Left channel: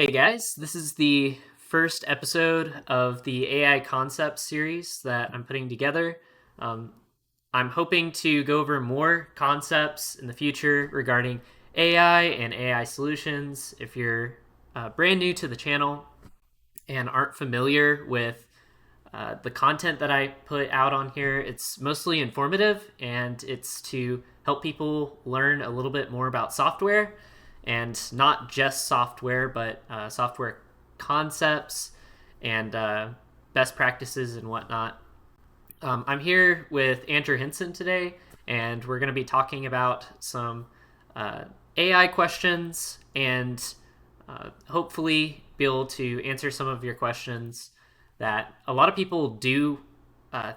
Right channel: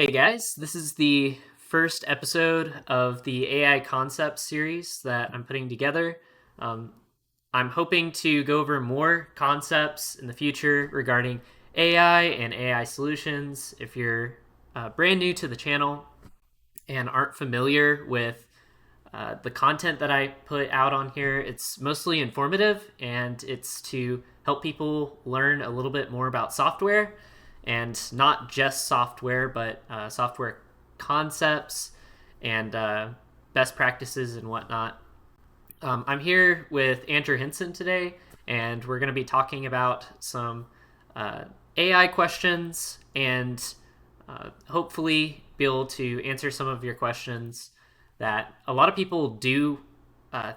Hey guys, this is the first episode of the AI concept series that I'm putting together. Um, I'm hoping to go over more concepts in the future regarding AI and AI solutions. If you're brand new to the channel and aren't familiar with the content that I put out on here, it's mostly informative and it's to help people learn a little bit more about software and not just software, but software concepts and best practices and whatnot. I'm here with Andrew Hinson today, and we're going to be talking about some AI questions and hopefully be able to answer some of your questions that a lot of people do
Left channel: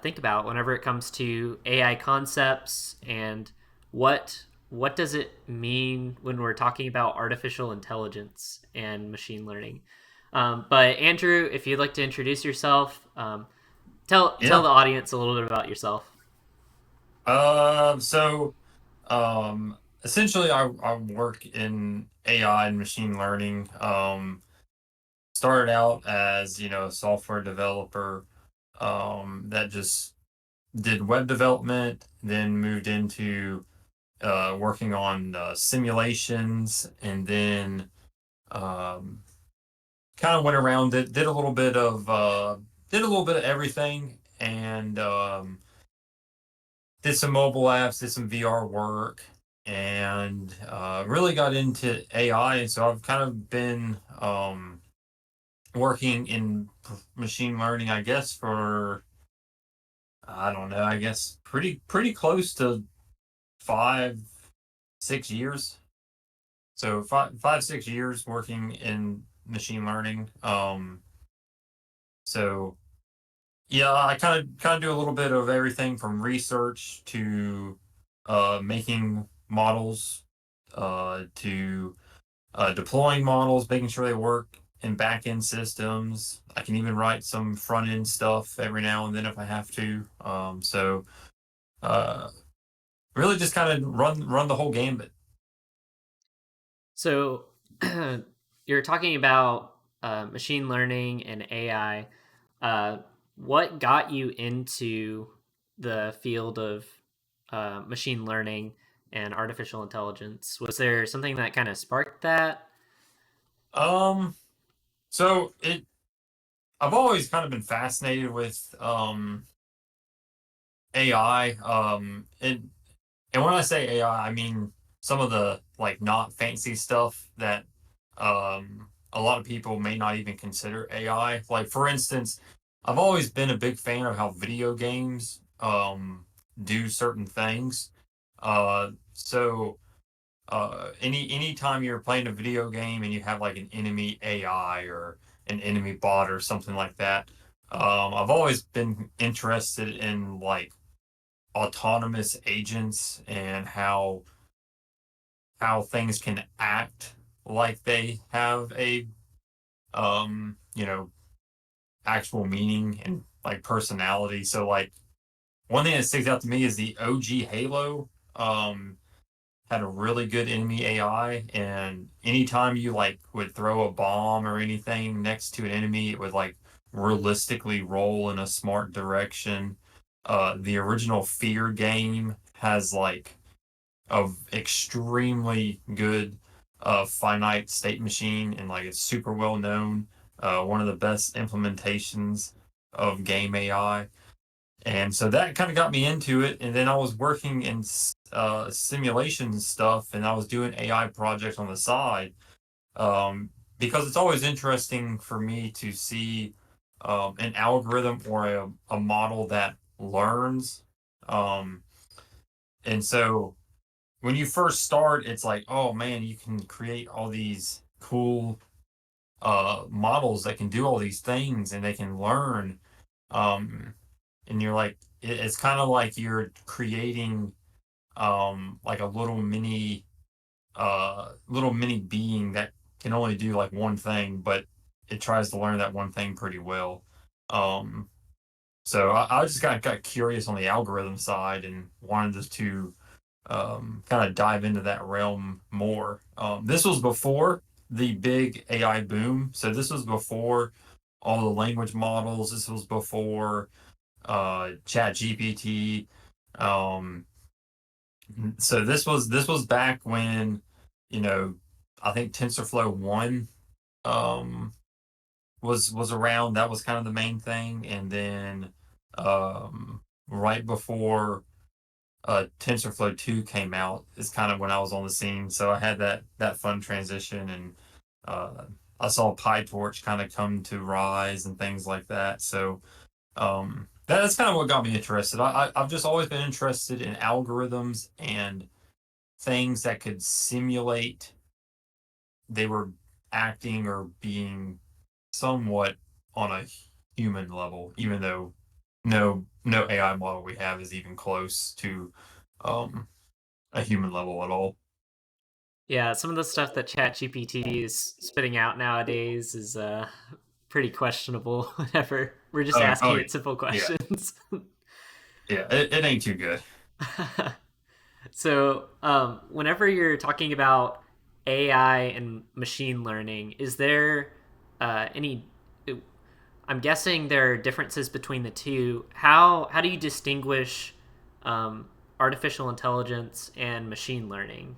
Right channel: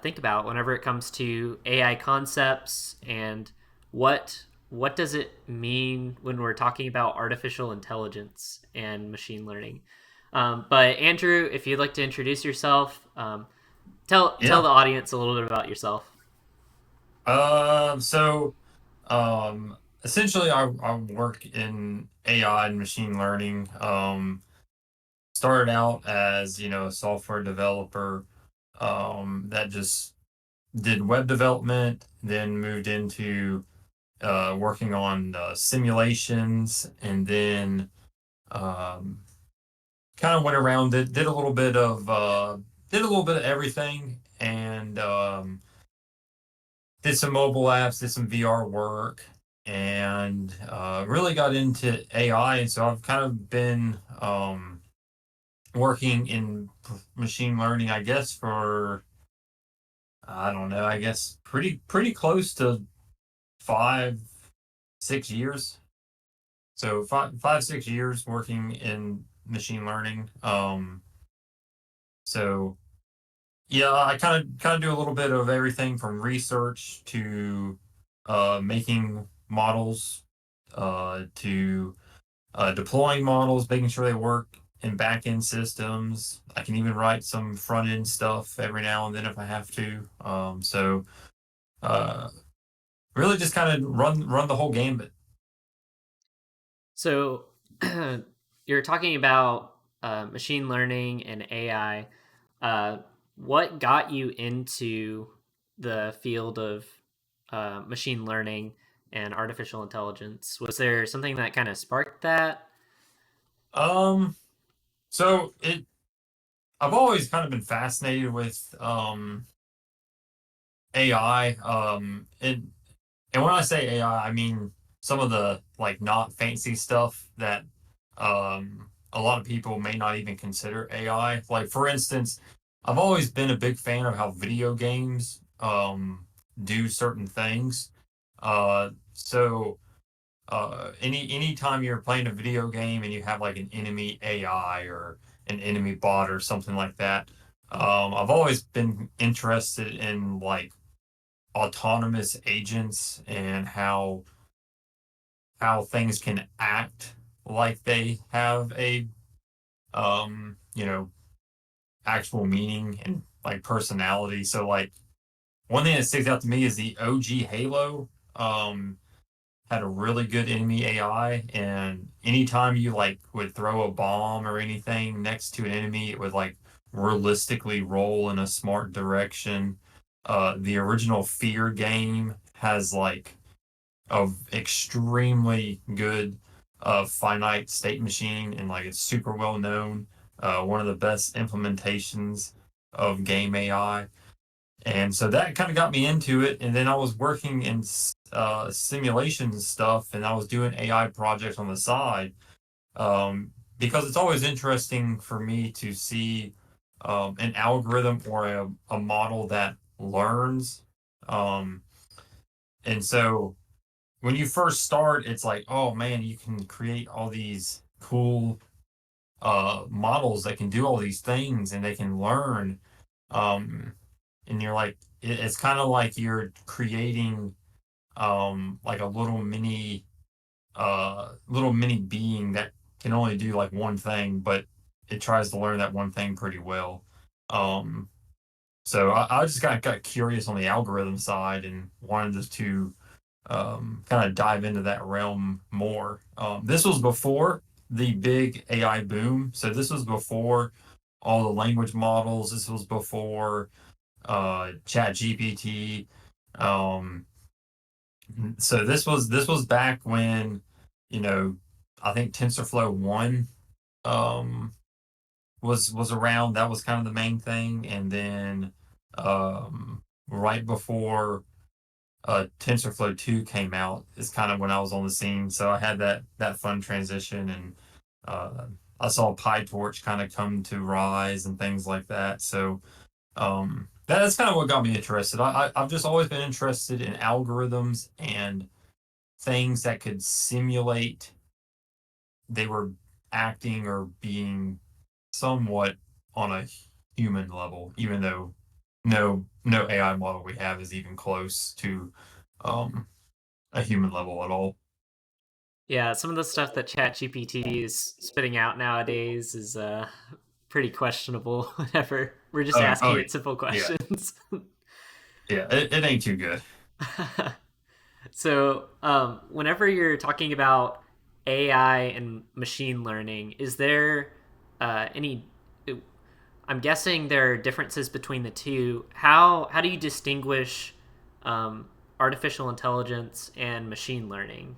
think about whenever it comes to AI concepts and what does it mean when we're talking about artificial intelligence and machine learning. But Andrew, if you'd like to introduce yourself, tell Yeah. the audience a little bit about yourself. Uh, so um, Essentially, I work in AI and machine learning. Started out as a software developer that just did web development, then moved into working on simulations, and then um, kind of went around it. Did a little bit of everything, and did some mobile apps, did some VR work, and really got into AI. And so I've kind of been working in machine learning, I guess, for I don't know, I guess pretty close to 5, 6 years. So 5, 6 years working in machine learning. So yeah, I kind of do a little bit of everything from research to making models, to deploying models, making sure they work in back end systems. I can even write some front end stuff every now and then if I have to. Uh, Really just kind of run the whole gambit. So you're talking about machine learning and AI. Uh, what got you into the field of machine learning and artificial intelligence? Was there something that kind of sparked that? Um, so it I've always kind of been fascinated with AI. And when I say AI, I mean some of the like not fancy stuff that a lot of people may not even consider AI. Like for instance, I've always been a big fan of how video games do certain things. Anytime you're playing a video game and you have like an enemy AI or an enemy bot or something like that, I've always been interested in like autonomous agents and how things can act like they have a um you know actual meaning and like personality. So like one thing that sticks out to me is the OG Halo had a really good enemy AI, and anytime you like would throw a bomb or anything next to an enemy, it would like realistically roll in a smart direction. The original Fear game has like of extremely good finite state machine, and like it's super well known. One of the best implementations of game AI. And so that kind of got me into it. And then I was working in simulation stuff, and I was doing AI projects on the side, because it's always interesting for me to see an algorithm or a model that learns. Um, and so when you first start, it's like, oh man, you can create all these cool models that can do all these things and they can learn. And you're like, it's kind of like you're creating like a little mini being that can only do like one thing, but it tries to learn that one thing pretty well. Um, I just kind of got curious on the algorithm side and wanted to kind of dive into that realm more. This was before. the big AI boom. So this was before all the language models. This was before Chat GPT. Um, so this was back when, you know, I think TensorFlow one um was around. That was kind of the main thing, and then right before TensorFlow 2 came out is kind of when I was on the scene. So I had that fun transition, and uh, I saw PyTorch kind of come to rise and things like that. So that's kind of what got me interested. I've just always been interested in algorithms and things that could simulate they were acting or being somewhat on a human level, even though no AI model we have is even close to um, a human level at all. Yeah, some of the stuff that ChatGPT is spitting out nowadays is pretty questionable whenever we're just Oh asking it simple yeah, questions. yeah. It ain't too good. So, whenever you're talking about AI and machine learning, is there any? I'm guessing there are differences between the two. How do you distinguish artificial intelligence and machine learning?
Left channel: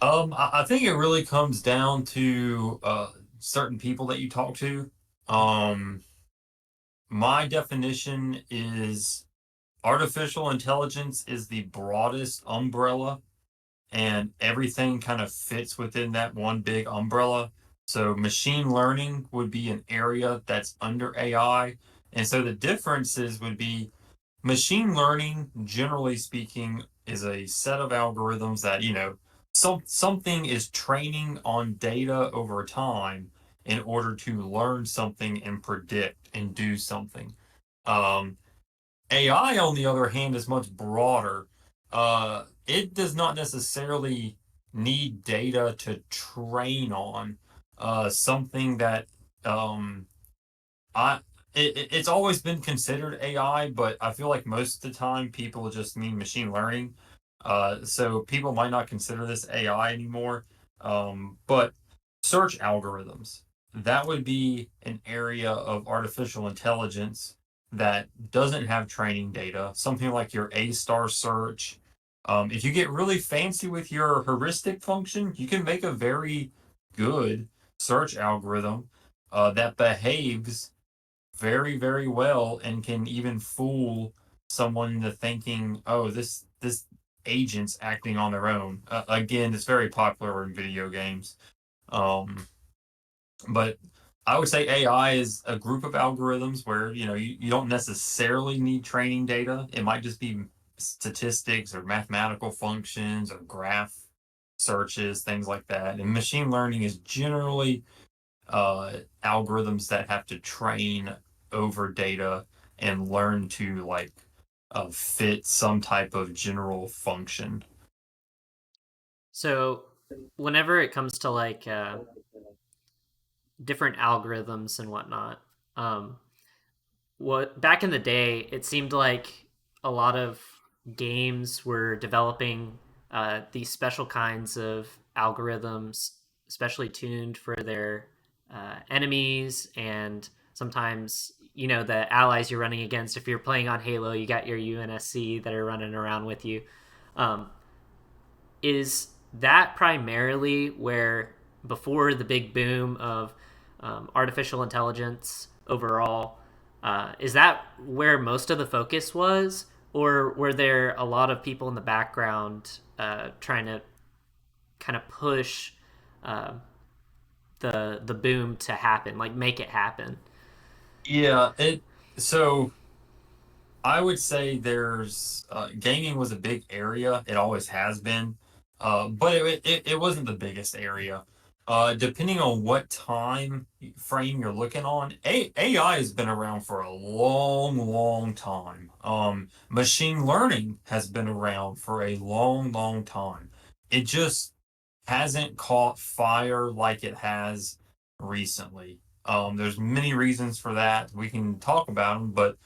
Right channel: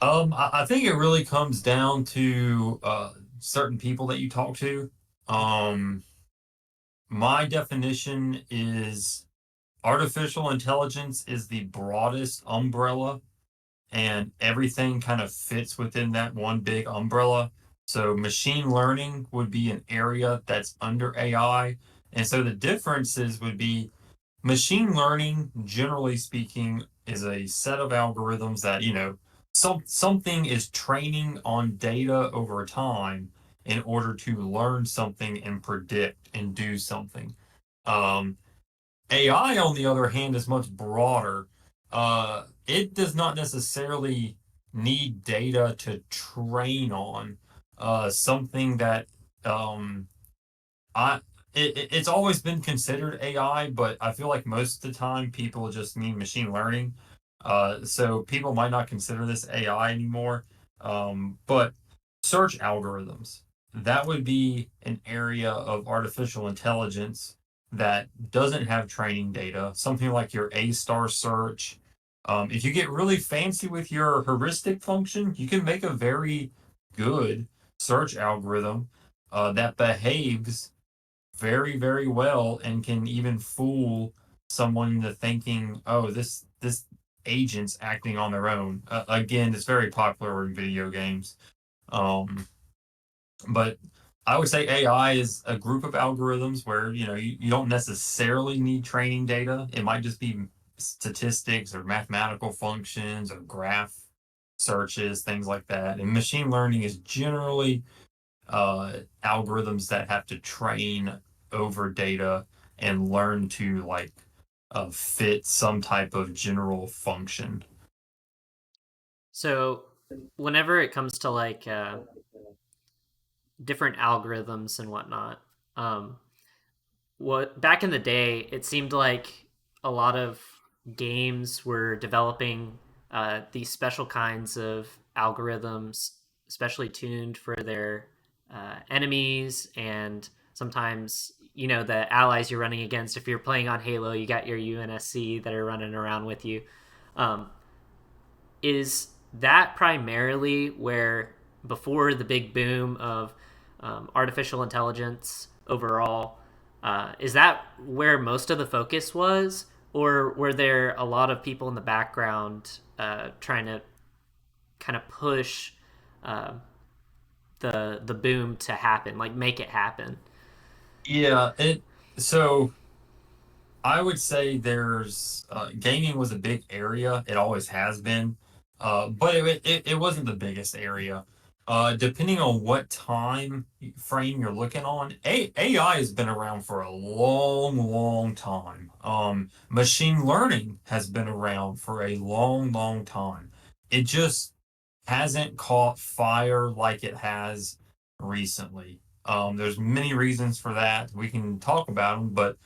I think it really comes down to certain people that you talk to. Um, my definition is artificial intelligence is the broadest umbrella, and everything kind of fits within that one big umbrella. So machine learning would be an area that's under AI. And so the differences would be machine learning, generally speaking, is a set of algorithms that, something is training on data over time in order to learn something and predict and do something. Um, AI, on the other hand, is much broader. It does not necessarily need data to train on. Something that um, I it's always been considered AI, but I feel like most of the time people just mean machine learning. So people might not consider this AI anymore. But search algorithms, that would be an area of artificial intelligence that doesn't have training data, something like your A star search. If you get really fancy with your heuristic function, you can make a very good search algorithm that behaves very, very well and can even fool someone into thinking, oh, this agent's acting on their own. Again, it's very popular in video games. Um, but I would say AI is a group of algorithms where you don't necessarily need training data. It might just be statistics or mathematical functions or graph searches, things like that. And machine learning is generally uh, algorithms that have to train over data and learn to fit some type of general function. So, whenever it comes to like different algorithms and whatnot, um, what back in the day, it seemed like a lot of games were developing these special kinds of algorithms, especially tuned for their enemies and sometimes the allies you're running against. If you're playing on Halo, you got your UNSC that are running around with you. Um, is that primarily where before the big boom of artificial intelligence overall, is that where most of the focus was, or were there a lot of people in the background trying to kind of push uh, the boom to happen, like make it happen? Yeah, it so I would say there's gaming was a big area. It always has been, but it wasn't the biggest area. Depending on what time frame you're looking on, AI has been around for a long, long time. Machine learning has been around for a long, long time. It just hasn't caught fire like it has recently. There's many reasons for that. We can talk about them, but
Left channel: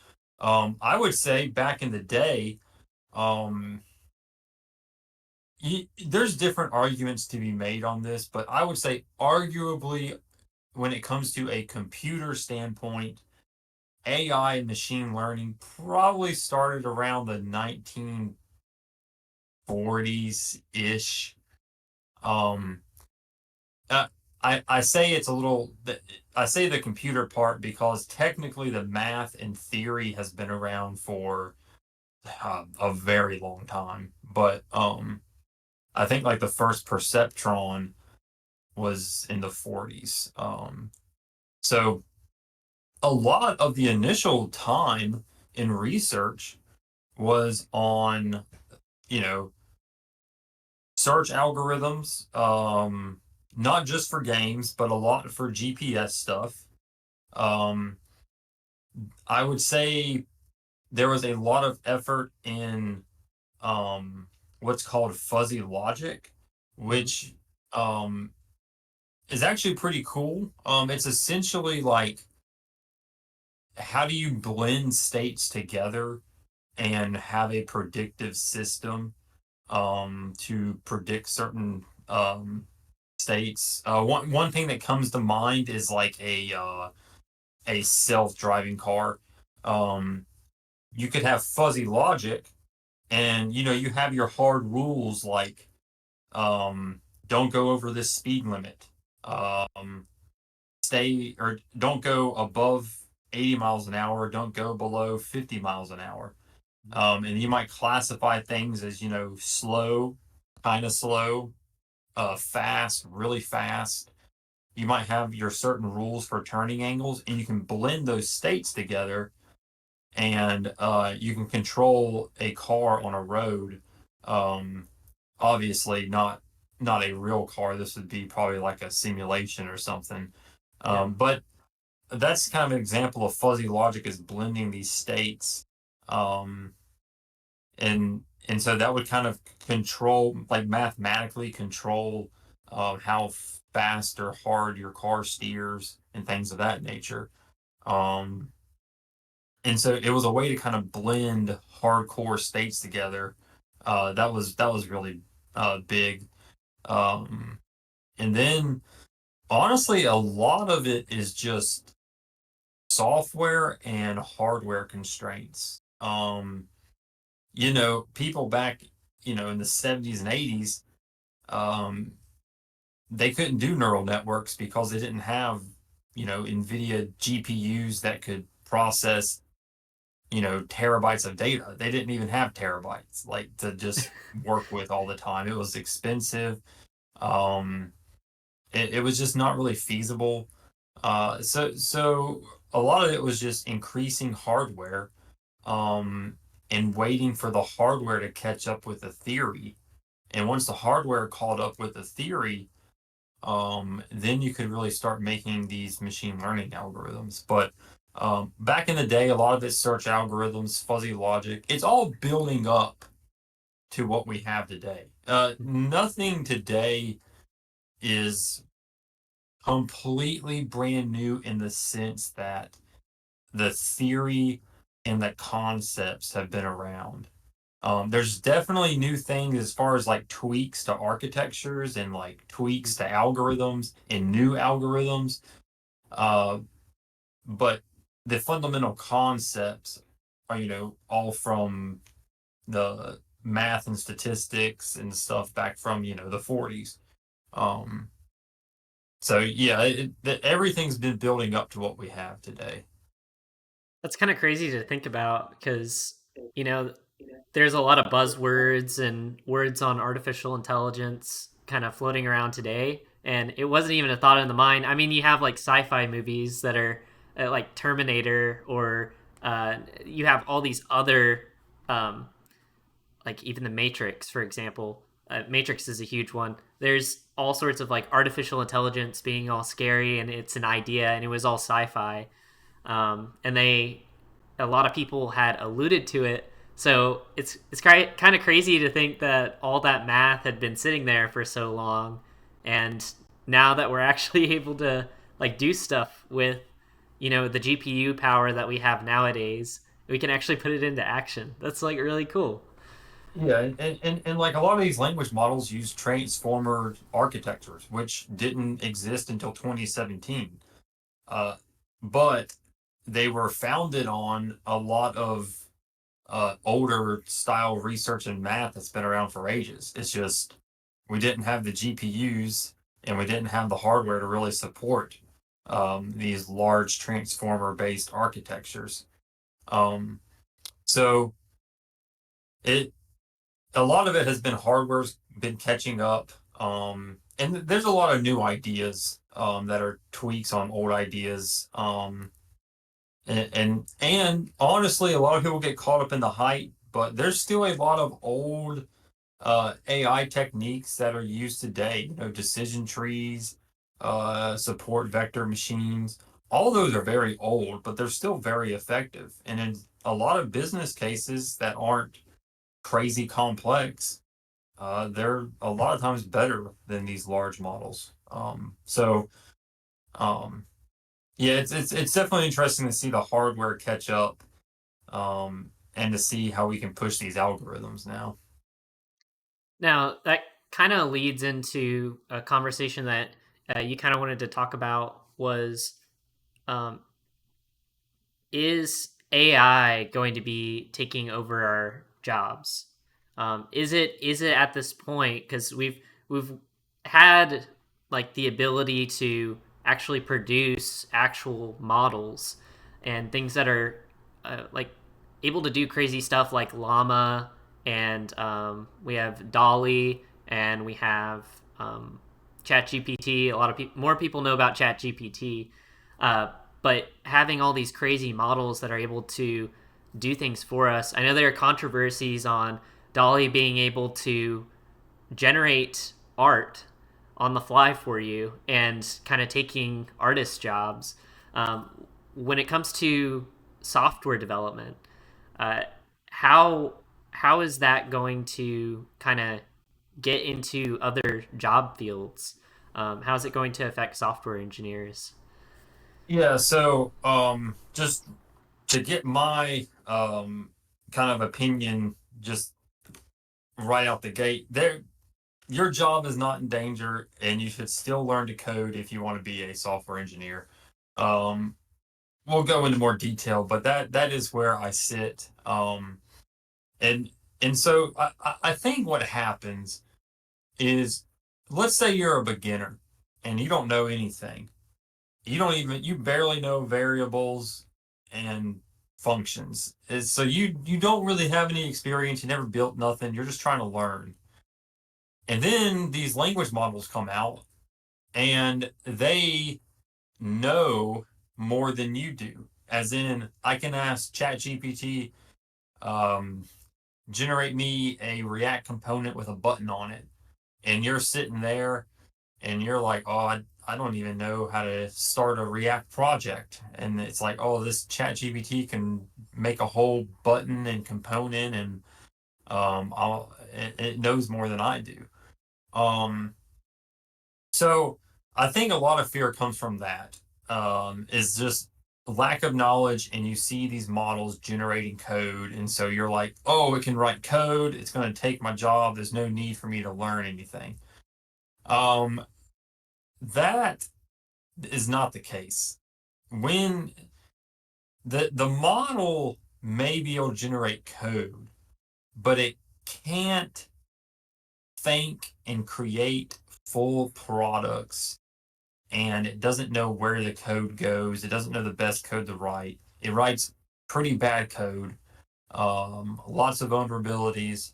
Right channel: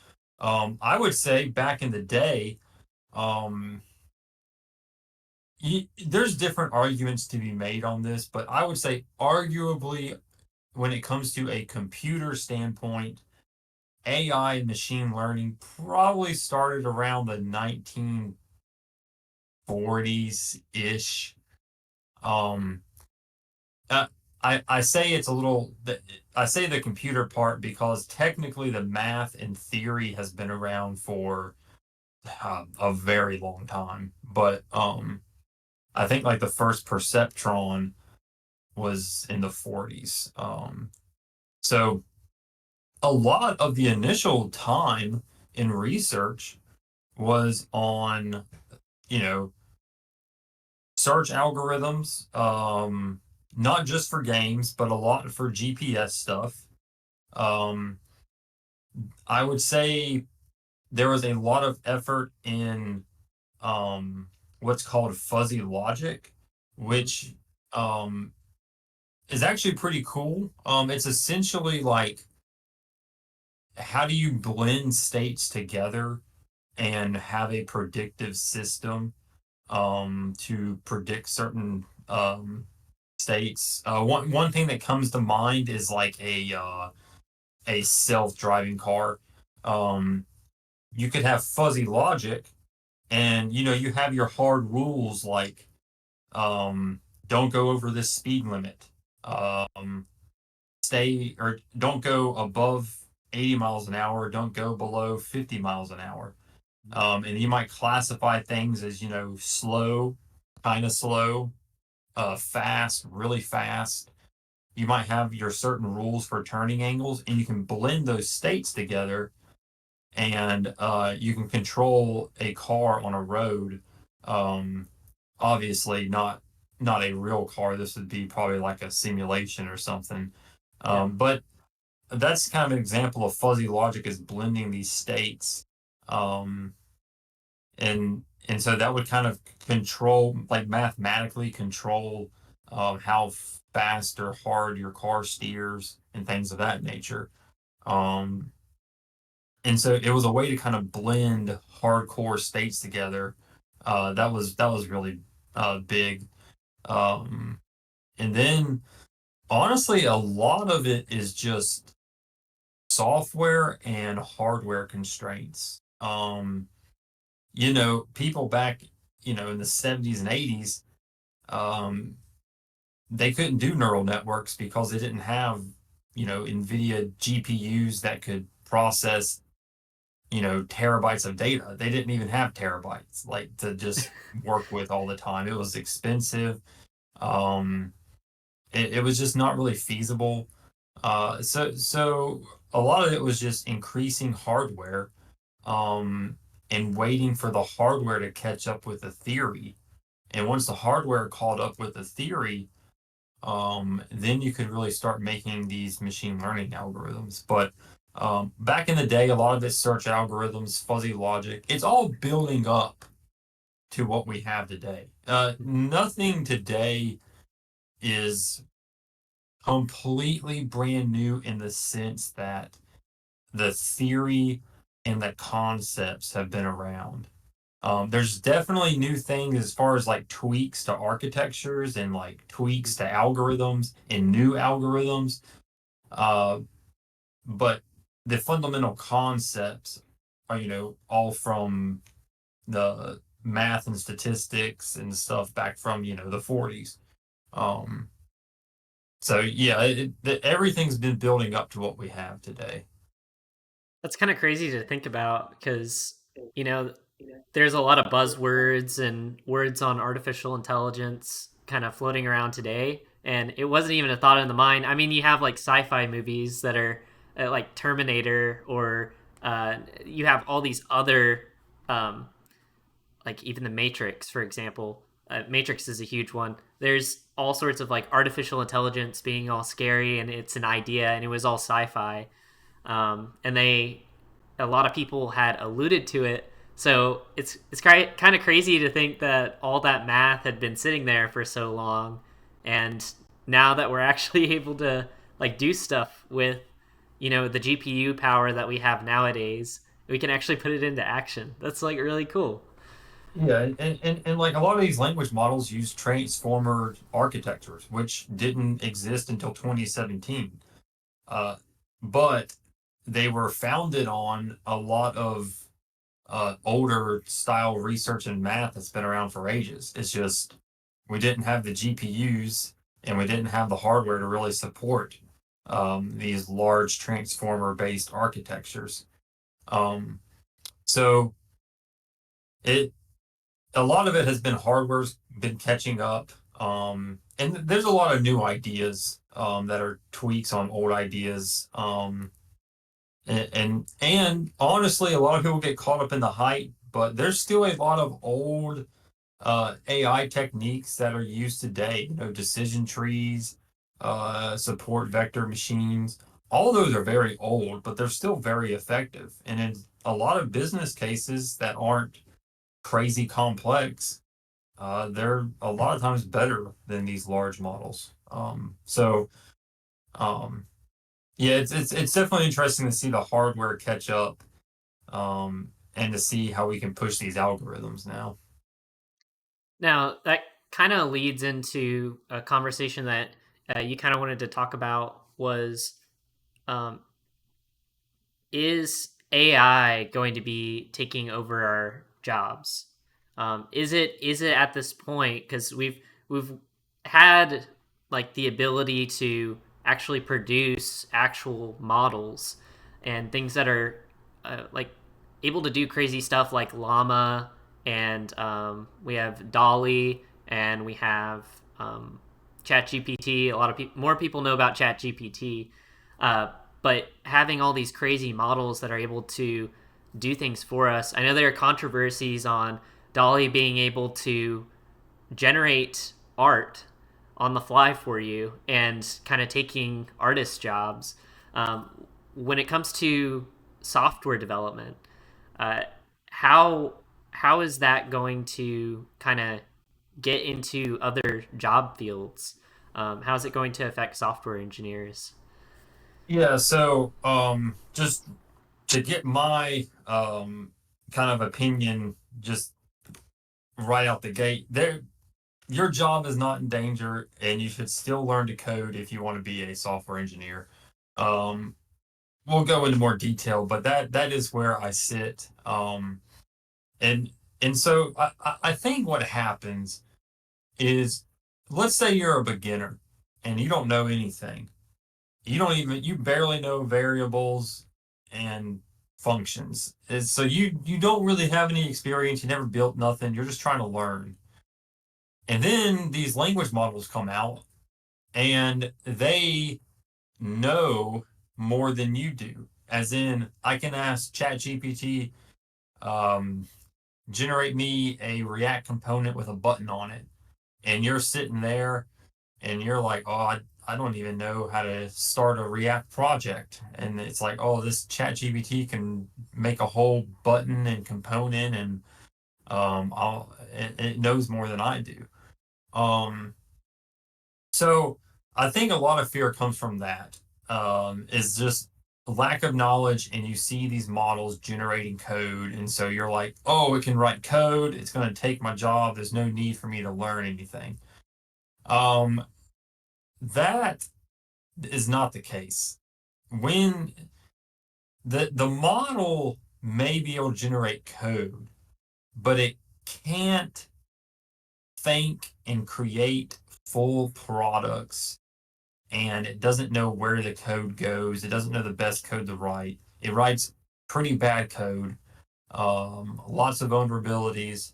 I would say back in the day, um, there's different arguments to be made on this, but I would say arguably when it comes to a computer standpoint, AI and machine learning probably started around the 1940s ish. Um, uh, I say it's a little. I say the computer part because technically the math and theory has been around for a very long time. But I think like the first perceptron was in the 40s. So a lot of the initial time in research was on, you know, search algorithms, not just for games, but a lot for GPS stuff. Um, I would say there was a lot of effort in um, what's called fuzzy logic, Mm-hmm. which um, is actually pretty cool. It's essentially like how do you blend states together and have a predictive system to predict certain states. One thing that comes to mind is like a self driving car. Um, you could have fuzzy logic, and you have your hard rules like um, don't go over this speed limit. Um, Stay or don't go above 80 miles an hour. Don't go below 50 miles an hour. And you might classify things as slow, kind of slow, fast, really fast. You might have your certain rules for turning angles, and you can blend those states together, and you can control a car on a road. Um, Obviously, not a real car. This would be probably like a simulation or something. Yeah. But that's kind of an example of fuzzy logic is blending these states. Um, and so that would kind of control, like mathematically control how fast or hard your car steers and things of that nature. Um, and so it was a way to kind of blend hardcore states together. That was really big. Um, and then honestly, a lot of it is just software and hardware constraints. People back, in the 70s and 80s, um, they couldn't do neural networks because they didn't have, NVIDIA GPUs that could process, terabytes of data. They didn't even have terabytes like to just work with all the time. It was expensive. Um, it was just not really feasible. So a lot of it was just increasing hardware, um, and waiting for the hardware to catch up with the theory. And once the hardware caught up with the theory, then you could really start making these machine learning algorithms. But back in the day, a lot of it's search algorithms, fuzzy logic. It's all building up to what we have today. Nothing today is completely brand new in the sense that the theory and the concepts have been around. There's definitely new things as far as like tweaks to architectures and like tweaks to algorithms and new algorithms. Uh, but the fundamental concepts are, all from the math and statistics and stuff back from, the 40s. Um, so yeah, everything's been building up to what we have today. That's kind of crazy to think about because, you know, there's a lot of buzzwords and words on artificial intelligence kind of floating around today. And it wasn't even a thought in the mind. I mean, you have like sci fi movies that are like Terminator, or you have all these other, um, like even the Matrix, for example. Matrix is a huge one. There's all sorts of like artificial intelligence being all scary, and it's an idea, and it was all sci fi. And a lot of people had alluded to it. So it's kind of crazy to think that all that math had been sitting there for so long, and now that we're actually able to like do stuff with the GPU power that we have nowadays, we can actually put it into action. That's like really cool. Yeah, and like a lot of these language models use transformer architectures, which didn't exist until 2017. Uh, but they were founded on a lot of older style research and math that's been around for ages. It's just we didn't have the GPUs and we didn't have the hardware to really support these large transformer based architectures. Um, so it a lot of it has been hardware's been catching up. And there's a lot of new ideas that are tweaks on old ideas. And honestly, a lot of people get caught up in the hype, but there's still a lot of old AI techniques that are used today. You know, decision trees, support vector machines. All those are very old, but they're still very effective. And in a lot of business cases that aren't crazy complex, they're a lot of times better than these large models. Um, yeah, it's definitely interesting to see the hardware catch up, and to see how we can push these algorithms now. Now, that kind of leads into a conversation that you kind of wanted to talk about was um, is AI going to be taking over our jobs? Is it at this point because we've had like the ability to actually produce actual models and things that are like able to do crazy stuff like llama and we have dolly and we have chat gpt. A lot of people more people know about chat gpt, uh, but having all these crazy models that are able to do things for us. I know there are controversies on dolly being able to generate art on the fly for you and kind of taking artist jobs. When it comes to software development, uh, how how is that going to kind of get into other job fields? How is it going to affect software engineers? Yeah, so just to get my kind of opinion just right out the gate, there your job is not in danger and you should still learn to code if you want to be a software engineer. Um we'll go into more detail, but that is where I sit. And and so I think what happens is, let's say you're a beginner and you don't know anything. You barely know variables and functions. So you don't really have any experience, you never built nothing, you're just trying to learn. And then these language models come out and they know more than you do. As in, I can ask ChatGPT, um, generate me a React component with a button on it. And you're sitting there and you're like, oh, I don't even know how to start a React project. And it's like, oh, this ChatGPT can make a whole button and component, and it knows more than I do. Um, so I think a lot of fear comes from that. Is just lack of knowledge, and you see these models generating code, and so you're like, oh, it can write code. It's going to take my job. There's no need for me to learn anything. Um, that is not the case. When the model may be able to generate code, but it can't think and create full products, and it doesn't know where the code goes. It doesn't know the best code to write. It writes pretty bad code, lots of vulnerabilities,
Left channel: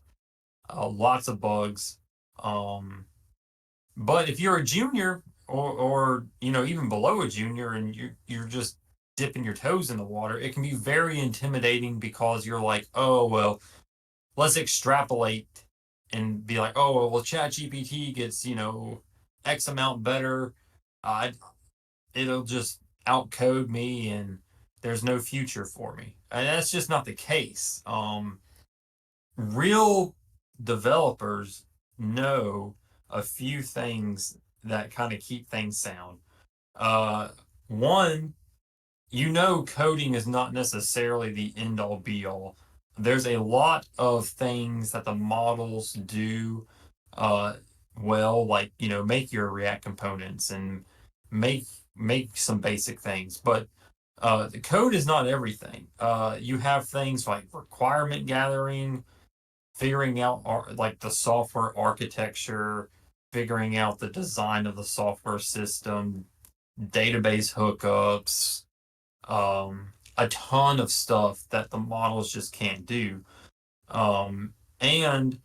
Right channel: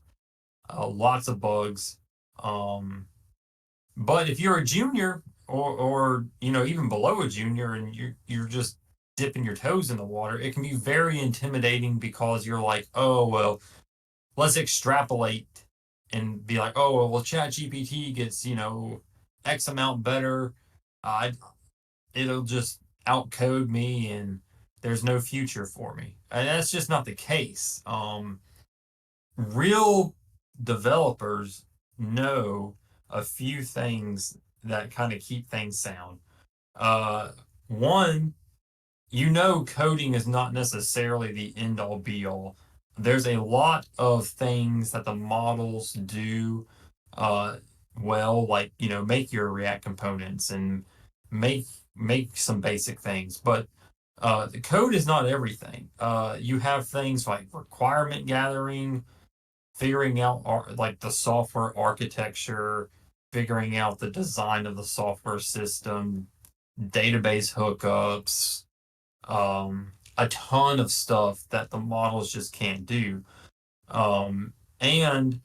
lots of bugs. Um, But if you're a junior, or even below a junior, and you're just dipping your toes in the water, it can be very intimidating because you're like, oh well, let's extrapolate and be like, oh well, Chat GPT gets X amount better. Uh, it'll just outcode me, and there's no future for me. And that's just not the case. Real developers know a few things that kind of keep things sound. Uh, One, coding is not necessarily the end all be all. there's a lot of things that the models do uh, well, like make your React components and make make some basic things, but the code is not everything. You have things like requirement gathering, figuring out like the software architecture, figuring out the design of the software system, database hookups, a ton of stuff that the models just can't do. And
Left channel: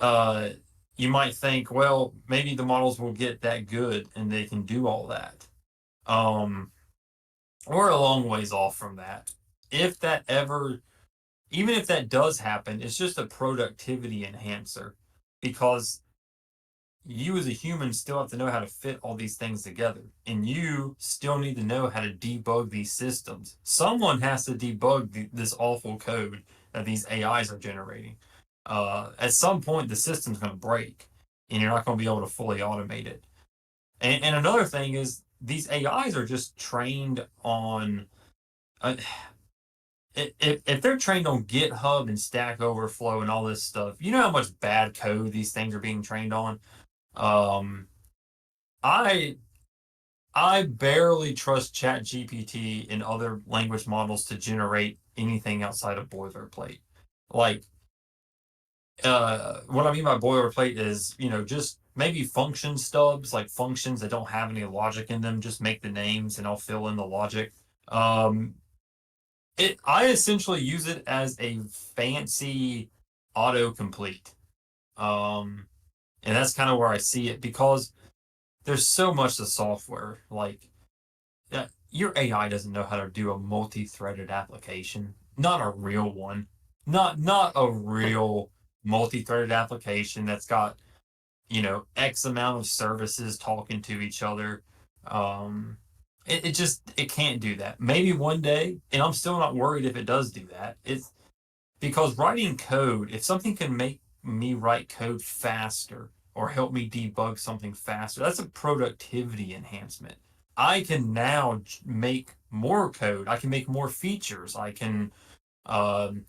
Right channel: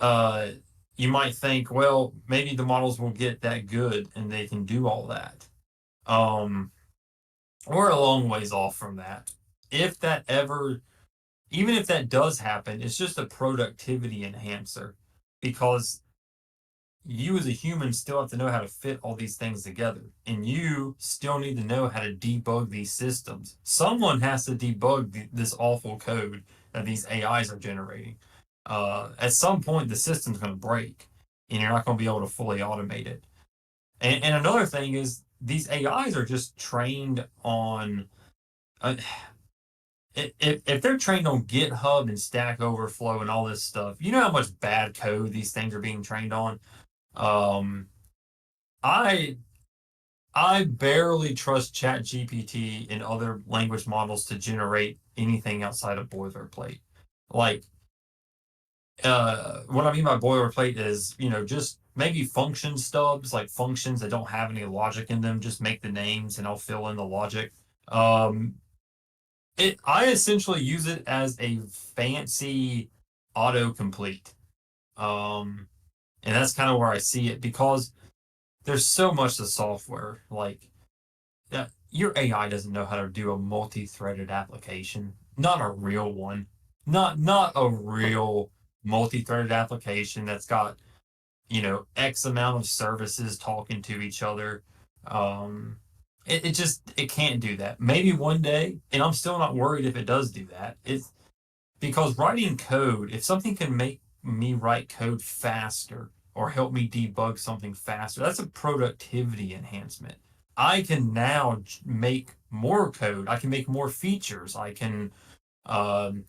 uh, you might think, well, maybe the models will get that good and they can do all that. Um, we're a long ways off from that. If that ever, even if that does happen, it's just a productivity enhancer because you as a human still have to know how to fit all these things together. And you still need to know how to debug these systems. Someone has to debug this awful code that these AIs are generating. At some point, the system's going to break and you're not going to be able to fully automate it. And another thing is these AIs are just trained on, uh, if they're trained on GitHub and Stack Overflow and all this stuff, you know how much bad code these things are being trained on? Um, I I barely trust ChatGPT and other language models to generate anything outside of boilerplate. Like, what I mean by boilerplate is, just maybe function stubs, like functions that don't have any logic in them, just make the names and I'll fill in the logic. Um, I essentially use it as a fancy autocomplete. Um, and that's kind of where I see it because there's so much to software. Like, your AI doesn't know how to do a multi-threaded application. Not a real one. Not a real multi-threaded application that's got, X amount of services talking to each other. Um, it just it can't do that. Maybe one day, and I'm still not worried if it does do that. It's because writing code, if something can make me write code faster or help me debug something faster, that's a productivity enhancement. I can now make more code. I can make more features. I can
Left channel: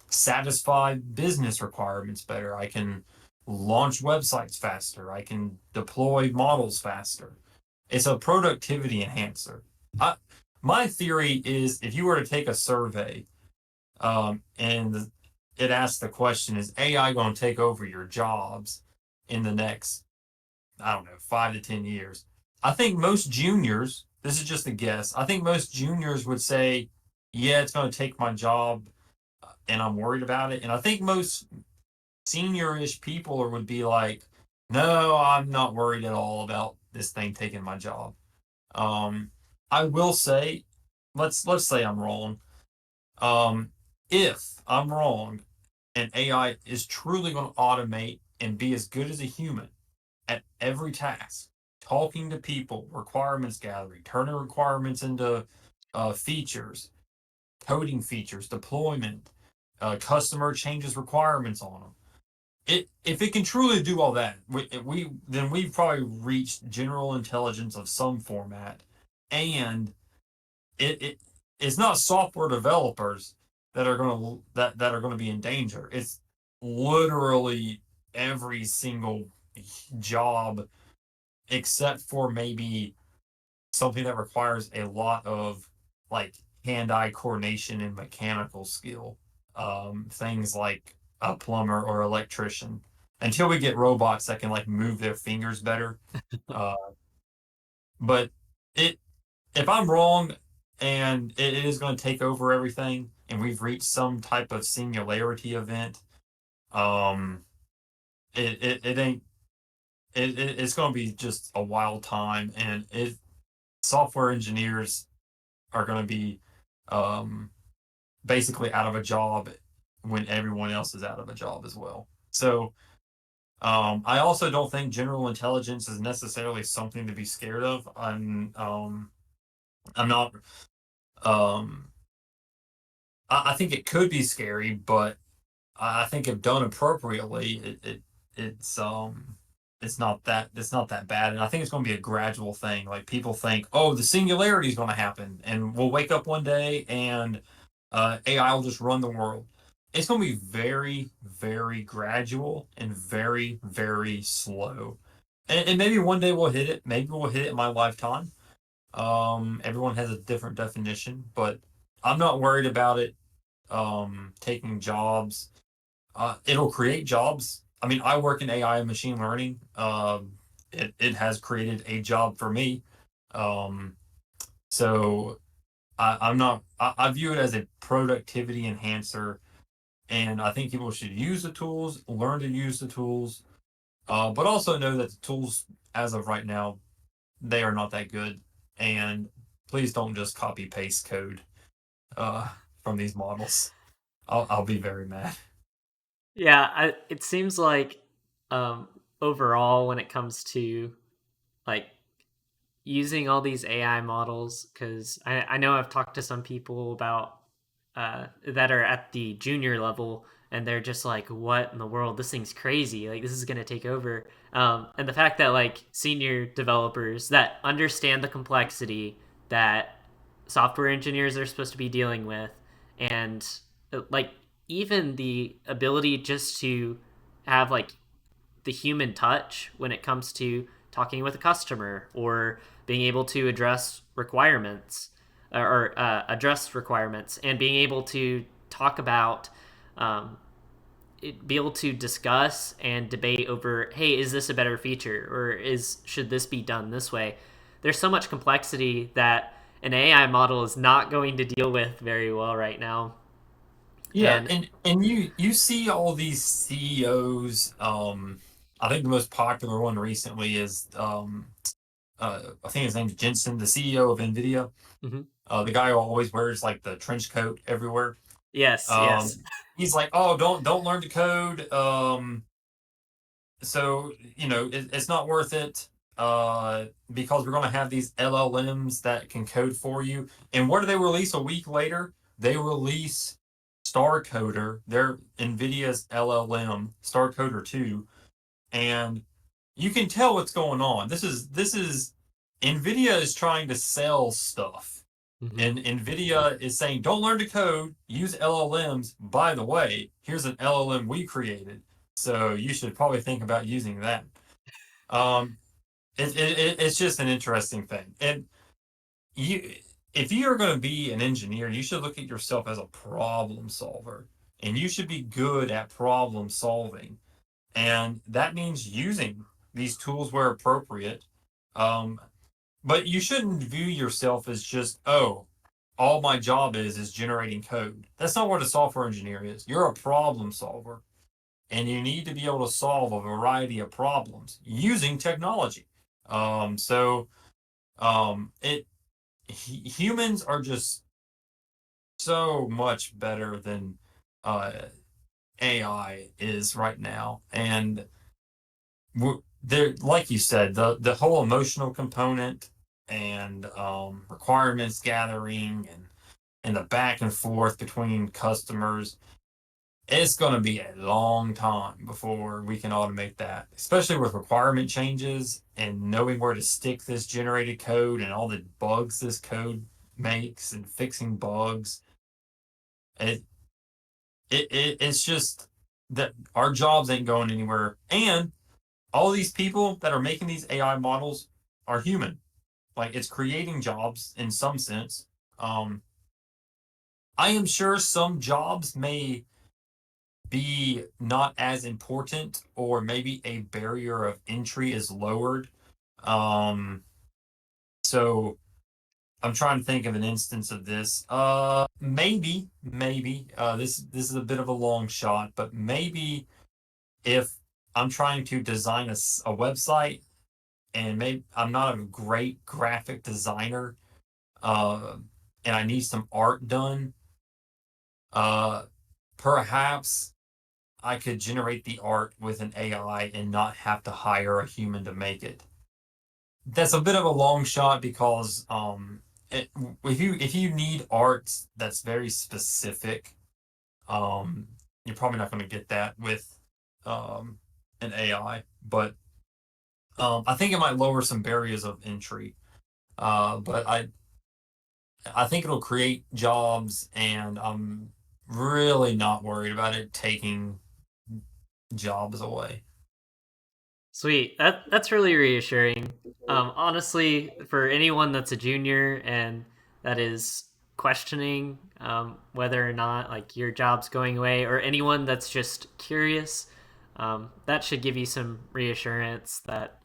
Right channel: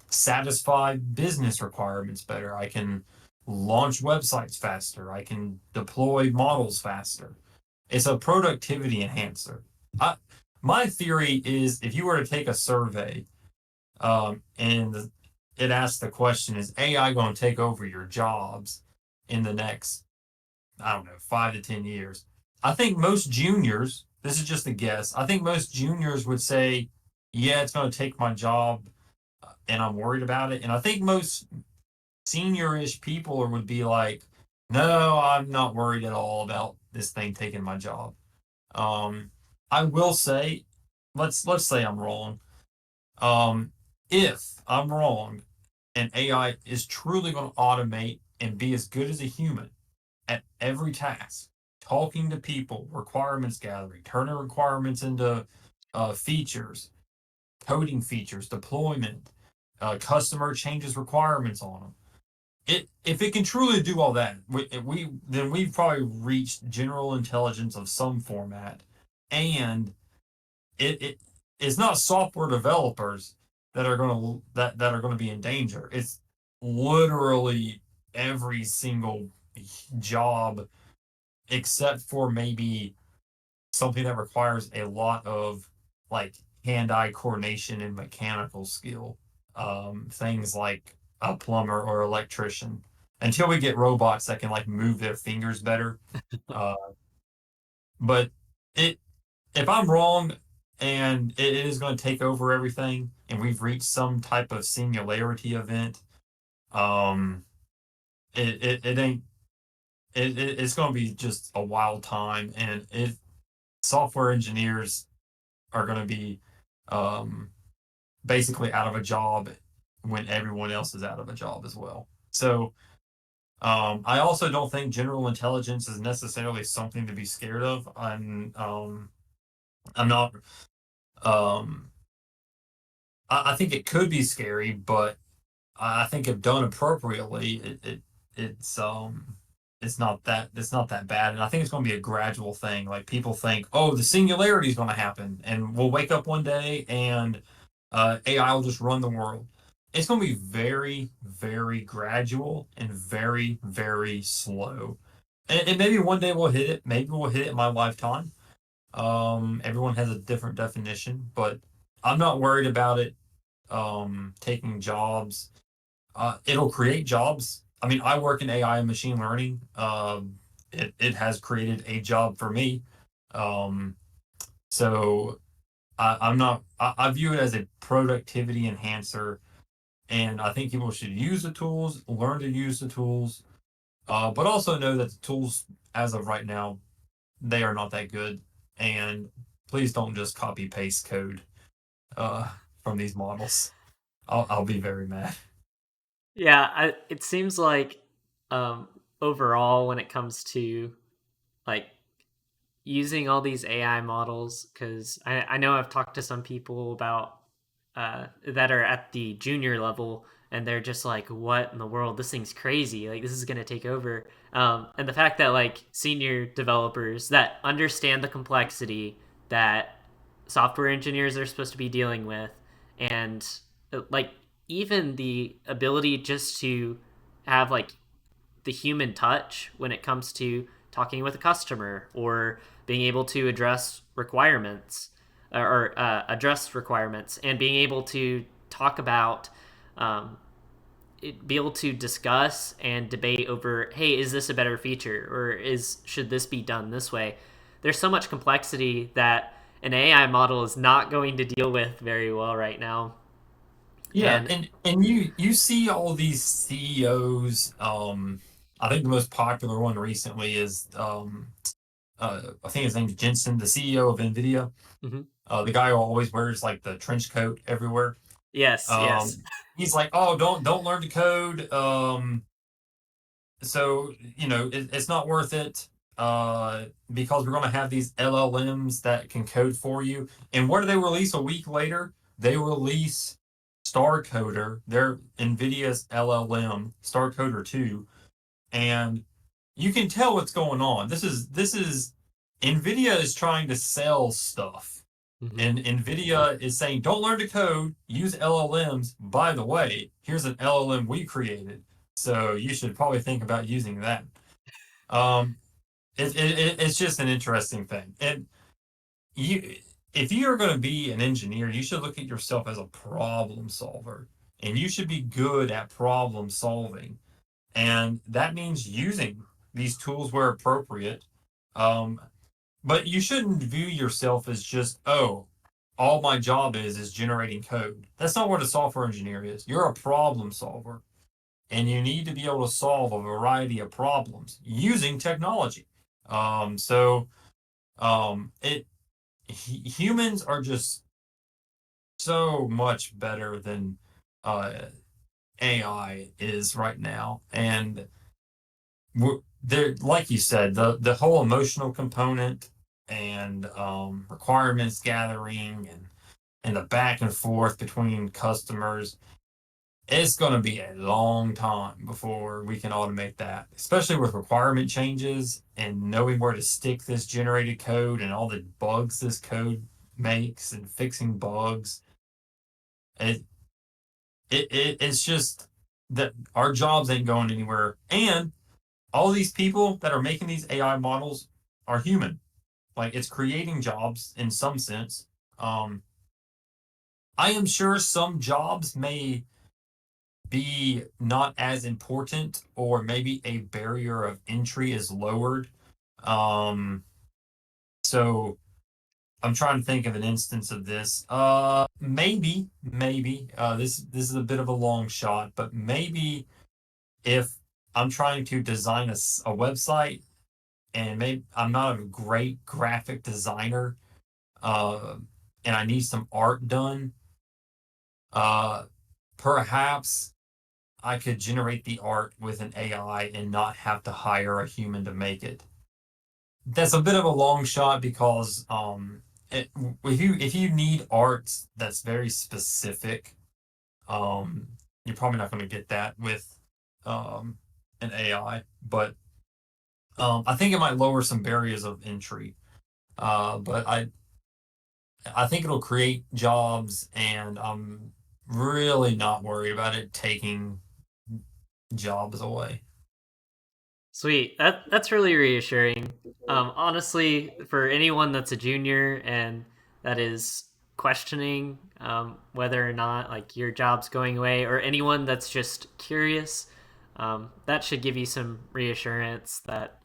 satisfy business requirements better. I can launch websites faster. I can deploy models faster. It's a productivity enhancer. I, my theory is if you were to take a survey and it asks the question, is AI going to take over your jobs in the next, I don't know, 5 to 10 years? I think most juniors, this is just a guess, I think most juniors would say, yeah, it's going to take my job and I'm worried about it. And I think most senior-ish people would be like, no, I'm not worried at all about this thing taking my job. Um, I will say, let's say I'm wrong. Um, if I'm wrong, and AI is truly going to automate and be as good as a human at every task, talking to people, requirements gathering, turning requirements into features, coding features, deployment, customer changes requirements on them. If it can truly do all that, then we've probably reached general intelligence of some format, and it it's not software developers that are going to be in danger. It's literally every single job except for maybe something that requires a lot of like hand-eye coordination and mechanical skill. Things like a plumber or electrician. Until we get robots that can like move their fingers better. Uh, but it if I'm wrong and it is going to take over everything and we've reached some type of singularity event, um, it ain't it's going to be just a wild time, and it software engineers are going to be um, basically out of a job when everyone else is out of a job as well. So I also don't think general intelligence is necessarily something to be scared of. I'm not um, I think it could be scary, but I think if done appropriately, it's not that bad, and I think it's going to be a gradual thing. Like people think, oh, the singularity is going to happen, and we'll wake up one day and AI will just run the world. it's going to be very, very gradual and very, very slow. And maybe one day we'll hit it. Maybe we'll hit it in my lifetime. Everyone has a different definition, but I'm not worried about it taking jobs. It'll create jobs. I mean, I work in AI and machine learning. It has created a job for me. Um, so I'm not. I view it as a productivity enhancer, and I think people should use the tools, learn to use the tools, but also know that the tools, as of right now, they are not that good. And please don't just copy paste code uh, from these models. I'll be very mad. Yeah, it seems like um, overall, when it comes to like using all these AI models, because I know I've talked to some people about that are at the junior level, and they're just like, "What in the world? This thing's crazy! Like, this is gonna take over." And the fact that like senior developers that understand the complexity that software engineers are supposed to be dealing with, and like even the ability just to have like the human touch when it comes to talking with a customer or being able to address requirements or address requirements and being able to talk about um, be able to discuss and debate over, hey, is this a better feature or is should this be done this way? There's so much complexity that an AI model is not going to deal with very well right now. Yeah, And and you see all these CEOs. I think the most popular one recently is I think his name's Jensen, the CEO of Nvidia. mhm. The guy who always wears like the trench coat everywhere. Yes, yes. He's like, oh, don't learn to code. So it's not worth it. Because we're going to have these LLMs that can code for you. And what do they release a week later? They release Star Coder, their NVIDIA's LLM, Star Coder 2, and you can tell what's going on. This is NVIDIA is trying to sell stuff. Hmm. And NVIDIA is saying, don't learn to code, use LLMs. By the way, here's an LLM we created. So you should probably think about using that. Um, it's just an interesting thing. And you, if you're going to be an engineer, you should look at yourself as a problem solver, and you should be good at problem solving. And that means using these tools where appropriate. Um, but you shouldn't view yourself as just, oh, all my job is generating code. That's not what a software engineer is. You're a problem solver, and you need to be able to solve a variety of problems using technology. So it humans are just so much better than uh, AI is right now, and there, like you said, the whole emotional component and requirements gathering and the back and forth between customers. It's going to be a long time before we can automate that, especially with requirement changes and knowing where to stick this generated code and all the bugs this code makes and fixing bugs. It, it's just that our jobs ain't going anywhere. And all these people that are making these AI models are human. Like it's creating jobs in some sense. Um, I am sure some jobs may be not as important, or maybe a barrier of entry is lowered. Um, so I'm trying to think of an instance of this. Maybe this is a bit of a long shot, but maybe if I'm trying to design a website and maybe I'm not a great graphic designer, uh, and I need some art done, uh, perhaps I could generate the art with an AI and not have to hire a human to make it. That's a bit of a long shot because it, if you need art that's very specific, um, you're probably not going to get that with um, an AI. But I think it might lower some barriers of entry. But I think it'll create jobs, and really not worried about it taking jobs away. Sweet. That's really reassuring. Honestly, for anyone that's a junior and that is questioning whether or not like your job's going away, or anyone that's just curious, that should give you some reassurance that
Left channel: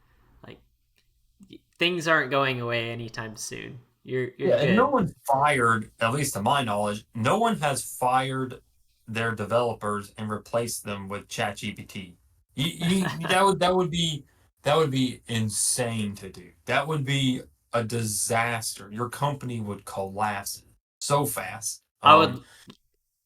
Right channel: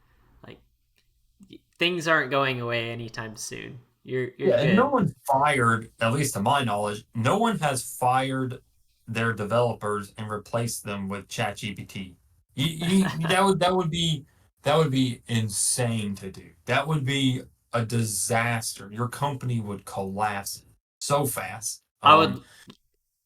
like things aren't going away anytime soon. You're Yeah, and no good. one fired, at least to my knowledge, no one has fired their developers and replaced them with ChatGPT. That would be insane to do. That would be a disaster. Your company would collapse so fast. I would.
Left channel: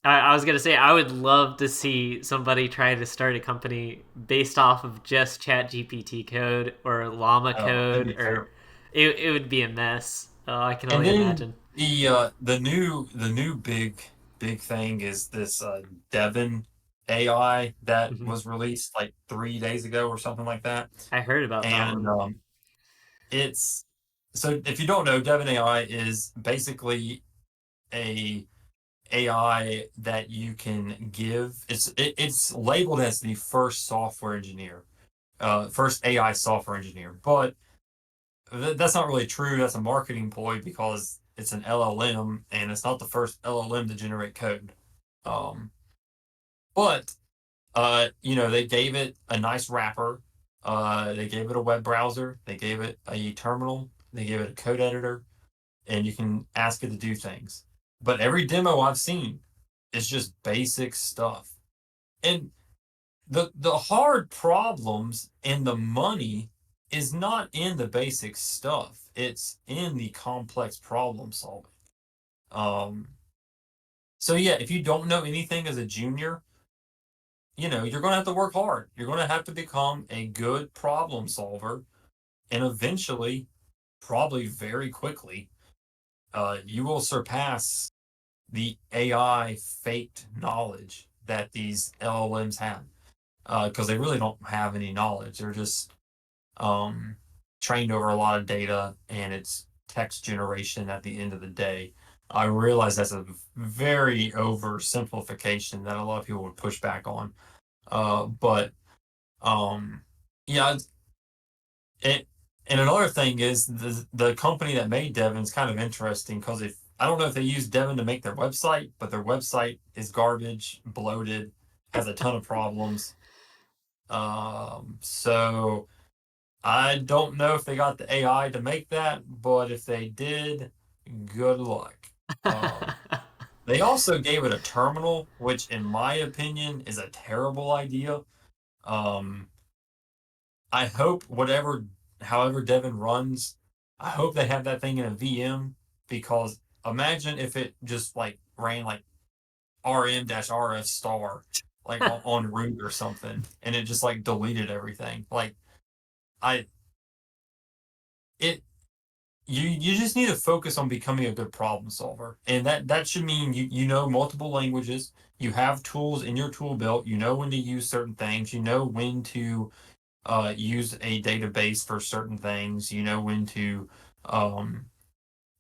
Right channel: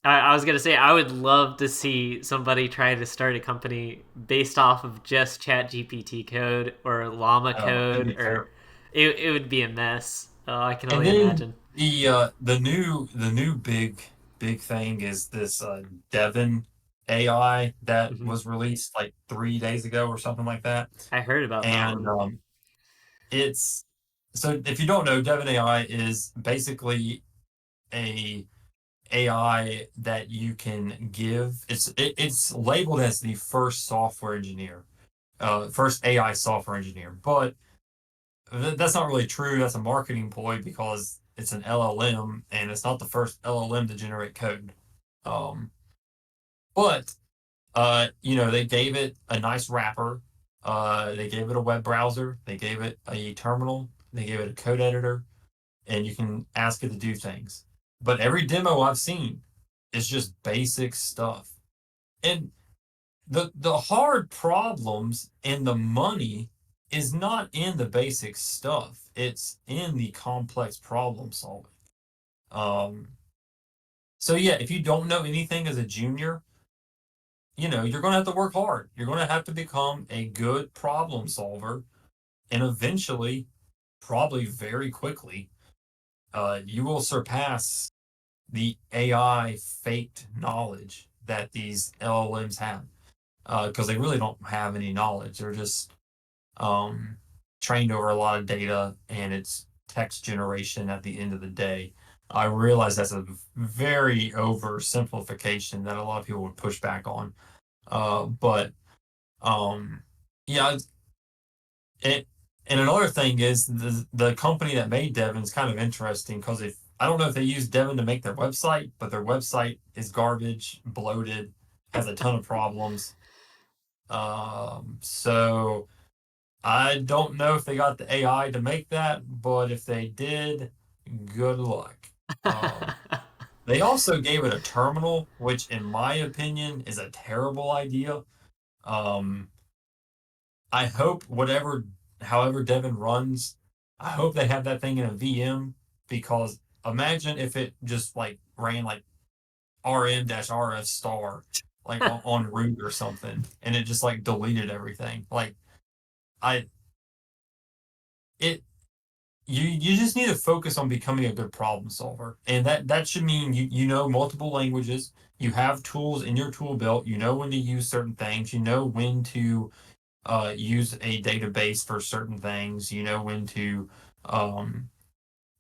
I was gonna say I would love to see somebody try to start a company based off of just Chat GPT code or Llama Oh, it'd code, be or terrible. it would be a mess. Oh, I can And only then imagine. the new big thing is this Devon AI that Hmm. was released like 3 days ago or something like that. I heard about that And one. it's so if you don't know, Devon AI is basically a AI that you can give. It's labeled as the first software engineer, first AI software engineer, but that's not really true. That's a marketing ploy because it's an LLM and it's not the first LLM to generate code. Um, but they gave it a nice wrapper. They gave it a web browser. They gave it a terminal. They gave it a code editor, and you can ask it to do things. But every demo I've seen is just basic stuff. And the hard problems and the money is not in the basic stuff. It's in the complex problem solving. Um, so yeah, if you don't know anything as a junior, you're going to have to work hard. You're going to have to become a good problem solver, and eventually, probably very quickly, you will surpass the AI faked knowledge that these LLMs have, because they really don't have any knowledge. They're just um, trained over a lot of data, and it's text generation at the end of the day. I realize that's a very oversimplification that a lot of people would push back on. But um, yeah, it, and another thing is the company that made Devon's kind of interesting because if I don't know if they use Devon to make their website, but their website is garbage, bloated, has a ton of problems. So I don't know if they got the AI to make that, but if they did, good luck. Um, they also gave it a terminal, which, in my opinion, is a terrible idea. Um, I hope however Devon runs, I hope they have that thing in a VM because imagine if it just like ran like rm-rf star like on root or something, and it just like deleted everything. Like I it you just need to focus on becoming a good problem solver, and that should mean you know multiple languages, you have tools in your tool belt, you know when to use certain things, you know when to use a database for certain things, you know when to um,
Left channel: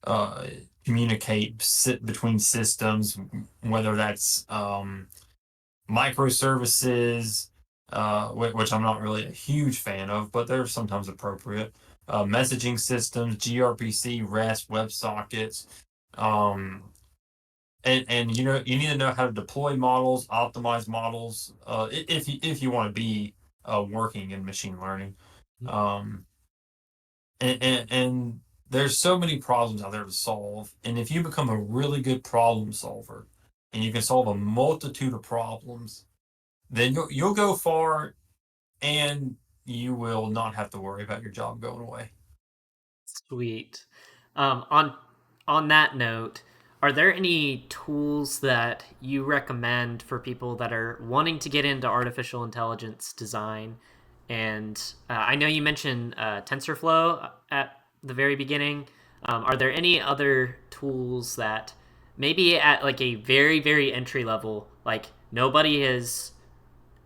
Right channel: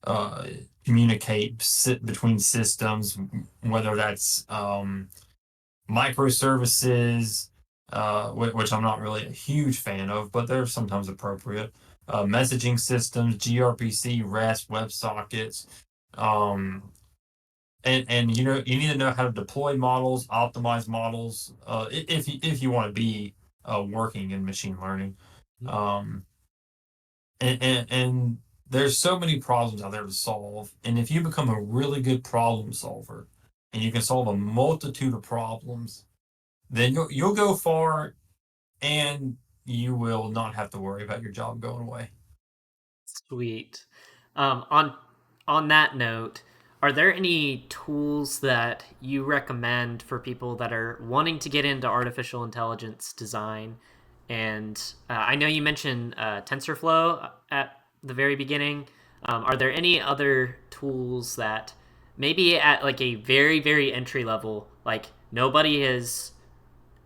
uh, communicate between systems, whether that's microservices, which I'm not really a huge fan of, but they're sometimes appropriate. Messaging systems, gRPC, REST, WebSockets, um, and you need to know how to deploy models, optimize models, if you want to be working in machine learning. Um, and there's so many problems out there to solve, and if you become a really good problem solver, and you can solve a multitude of problems, then you'll go far and you will not have to worry about your job going away. Sweet. On that note, are there any tools that you recommend for people that are wanting to get into artificial intelligence design? And I know you mentioned TensorFlow at the very beginning. Are there any other tools that maybe at like a very entry level, like nobody has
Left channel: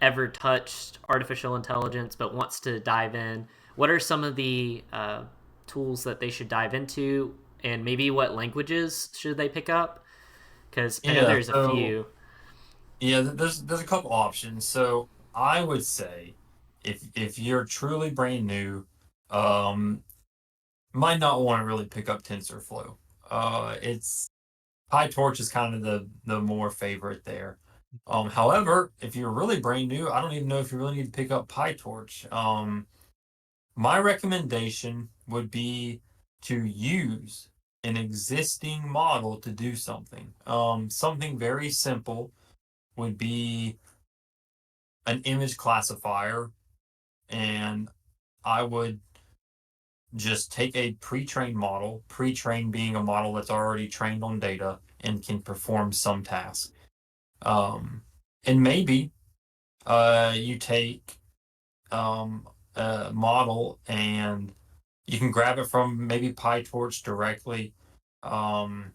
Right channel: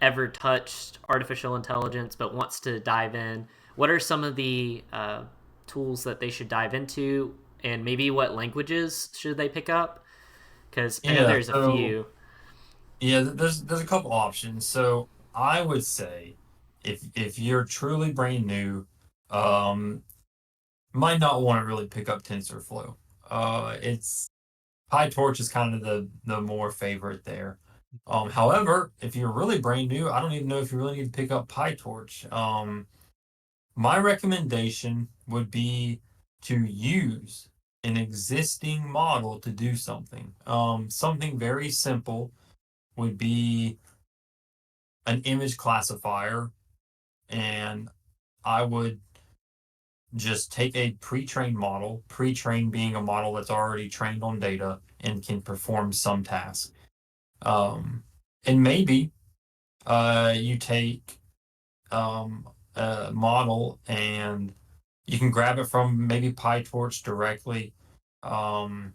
ever touched artificial intelligence but wants to dive in, what are some of the tools that they should dive into, and maybe what languages should they pick up? Because I know Yeah, there's a so few. Yeah, there's a couple options. So I would say if you're truly brand new, um, might not want to really pick up TensorFlow. It's PyTorch is kind of the more favorite there. However, if you're really brand new, I don't even know if you really need to pick up PyTorch. My recommendation would be to use an existing model to do something. Something very simple would be an image classifier, and I would just take a pre-trained model, pre-trained being a model that's already trained on data and can perform some task. Um, and maybe you take a model and you can grab it from maybe PyTorch directly. Um,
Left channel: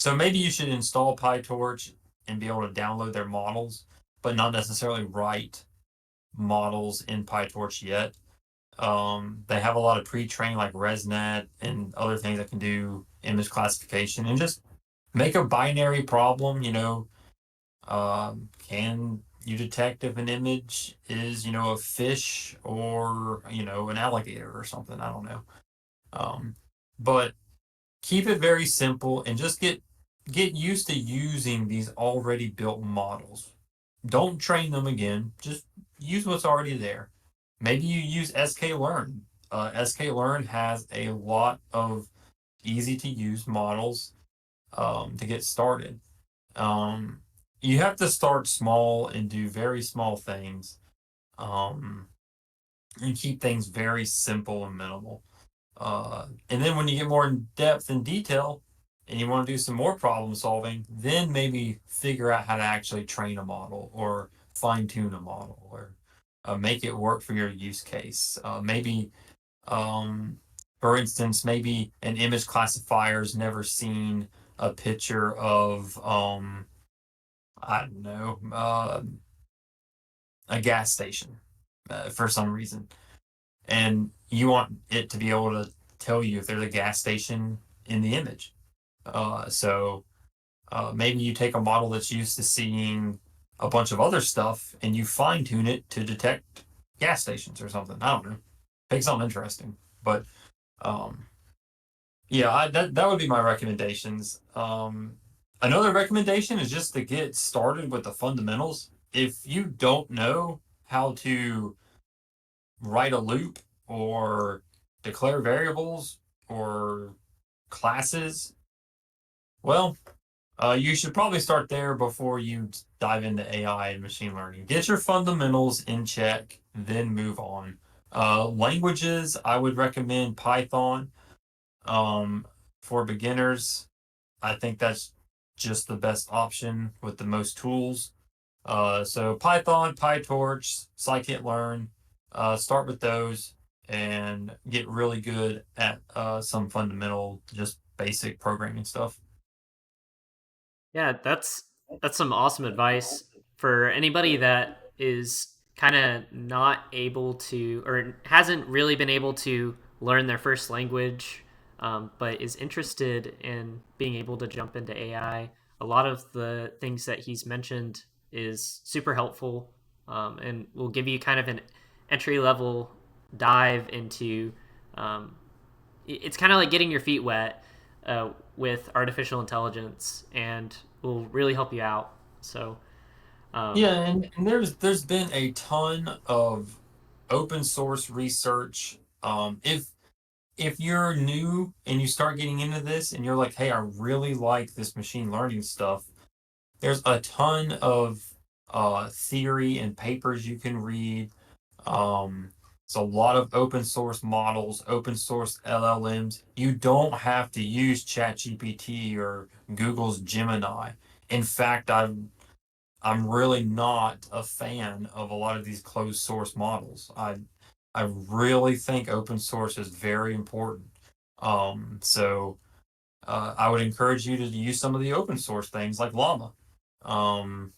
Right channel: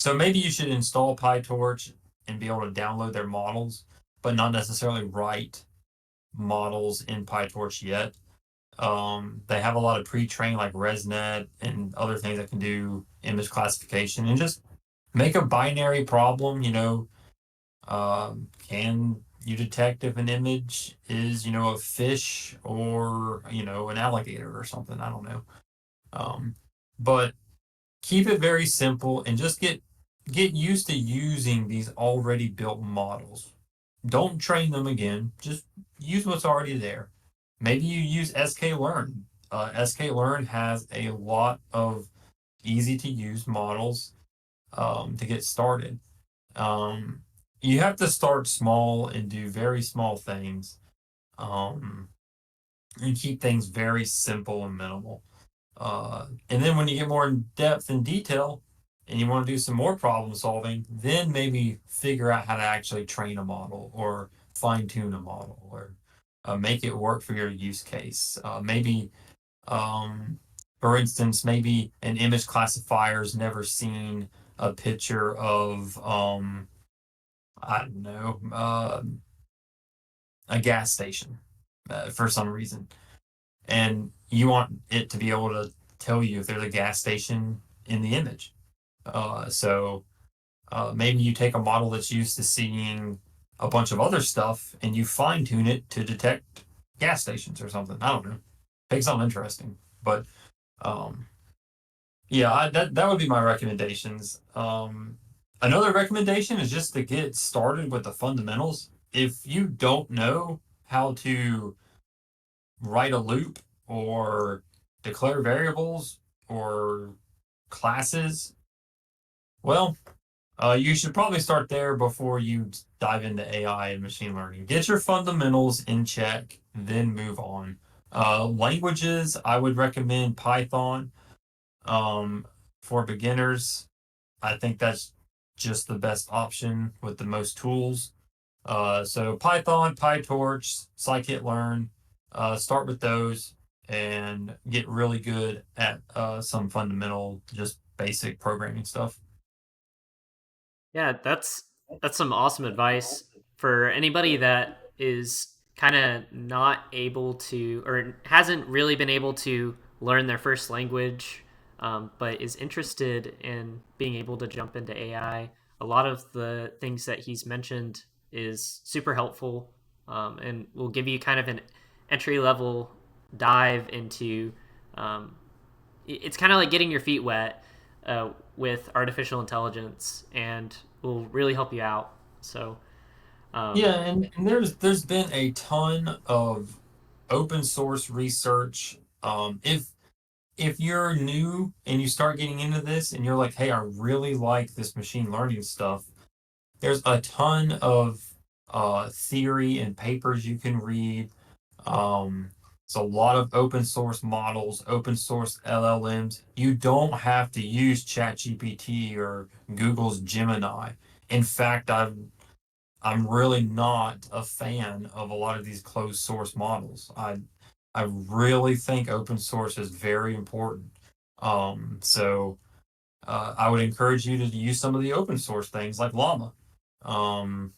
so maybe you should install PyTorch and be able to download their models, but not necessarily write models in PyTorch yet. They have a lot of pre-trained like ResNet and other things that can do image classification and just make a binary problem. Can you detect if an image is, a fish or, an alligator or something? I don't know. Um, but keep it very simple and just get used to using these already built models. Don't train them again. Just use what's already there. Maybe you use sklearn. Sklearn has a lot of easy to use models to get started. Um, you have to start small and do very small things, um, and keep things very simple and minimal. And then when you get more in depth and detail and you want to do some more problem solving, then maybe figure out how to actually train a model or fine tune a model or make it work for your use case. Maybe, um, for instance, maybe an image classifier's never seen a picture of, I don't know, a gas station for some reason. And you want it to be able to tell you if there's a gas station in the image. So maybe you take a model that's used to seeing a bunch of other stuff and you fine tune it to detect gas stations or something. I don't know. Take something interesting. But um, yeah, that would be my recommendations. Another recommendation is just to get started with the fundamentals. If you don't know how to write a loop or declare variables or classes, well, you should probably start there before you dive into AI and machine learning. Get your fundamentals in check, then move on. Languages, I would recommend Python for beginners. I think that's just the best option with the most tools. So Python, PyTorch, scikit-learn, start with those and get really good at some fundamental, just basic programming stuff. Yeah, that's some awesome advice for anybody that is kind of not able to or hasn't really been able to learn their first language, but is interested in being able to jump into AI. A lot of the things that he's mentioned is super helpful, and will give you kind of an entry level dive into. Um, it's kind of like getting your feet wet with artificial intelligence, and will really help you out. So, um, Yeah, and there's been a ton of open source research. If you're new and you start getting into this and you're like, hey, I really like this machine learning stuff, there's a ton of theory and papers you can read. Um, it's a lot of open source models, open source LLMs. You don't have to use ChatGPT or Google's Gemini. In fact, I'm really not a fan of a lot of these closed source models. I really think open source is very important. So I would encourage you to use some of the open source things like Llama. Um,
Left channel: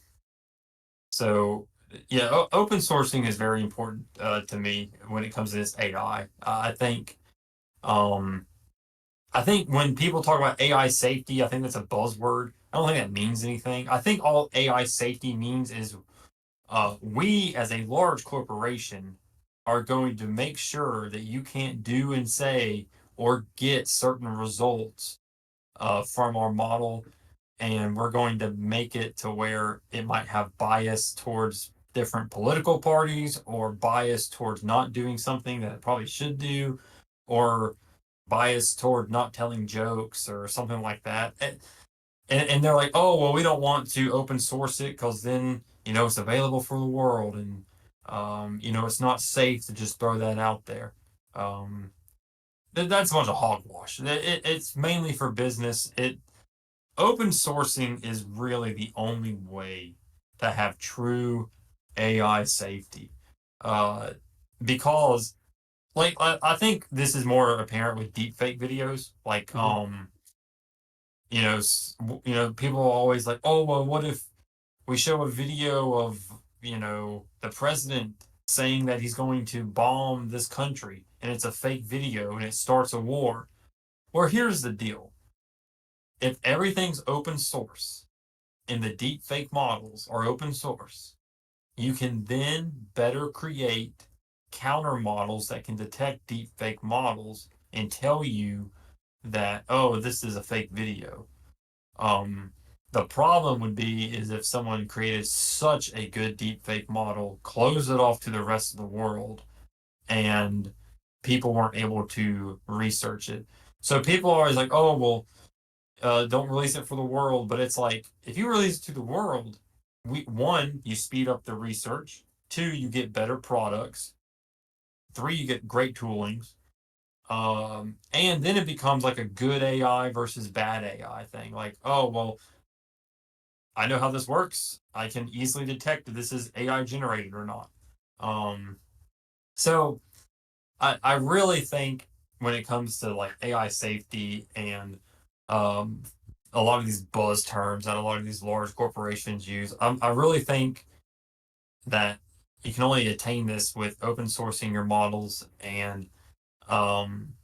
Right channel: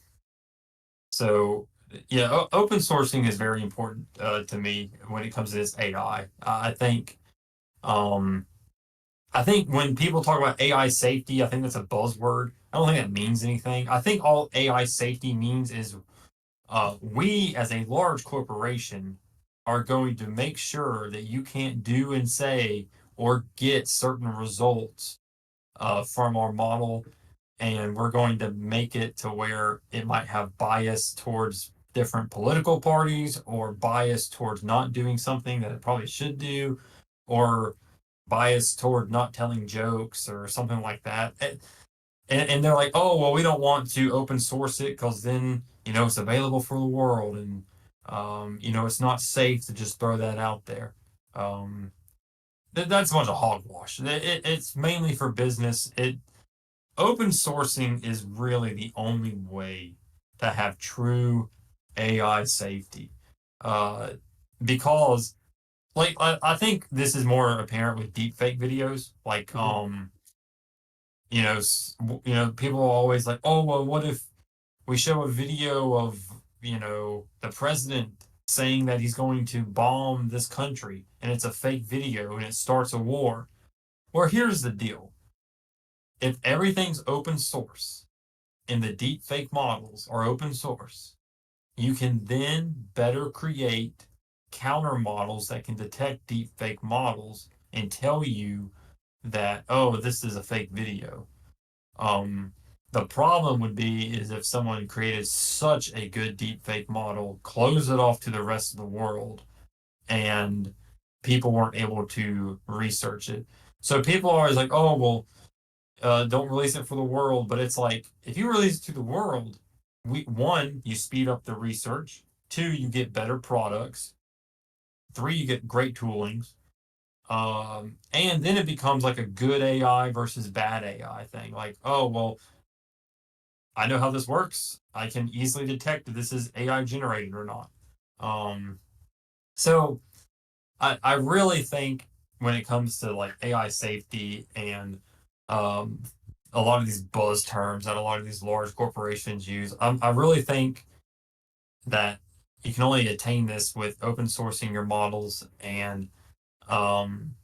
so yeah, open sourcing is very important to me when it comes to this AI. Um, I think when people talk about AI safety, I think that's a buzzword. I don't think that means anything. I think all AI safety means is we as a large corporation are going to make sure that you can't do and say or get certain results from our model, and we're going to make it to where it might have bias towards different political parties or bias towards not doing something that it probably should do or bias toward not telling jokes or something like that. And they're like, oh, well, we don't want to open source it because then, it's available for the world. And, it's not safe to just throw that out there. Um, that's a bunch of hogwash. It's mainly for business. Open sourcing is really the only way to have true AI safety. Uh, because like I think this is more apparent with deepfake videos. Like Mm-hmm. people are always like, oh well, what if we show a video of the president saying that he's going to bomb this country and it's a fake video and it starts a war. Well, here's the deal: if everything's open source and the deep fake models are open source, you can then better create counter models that can detect deep fake models and tell you that, oh, this is a fake video. Um, the problem would be is if someone created such a good deep fake model, closed it off to the rest of the world, and people weren't able to research it. So people are always like, oh, well, don't release it for the world. But it's like, if you release it to the world, one, you speed up the research. Two, you get better products. Three, you get great toolings. And then it becomes like a good AI versus bad AI thing. Like, oh, well, I know how this works. I can easily detect if this is AI generated or not. Um, so I really think when it comes to like AI safety and um, a lot of these buzz terms that a lot of these large corporations use, I really think that you can only attain this with open sourcing your models and um,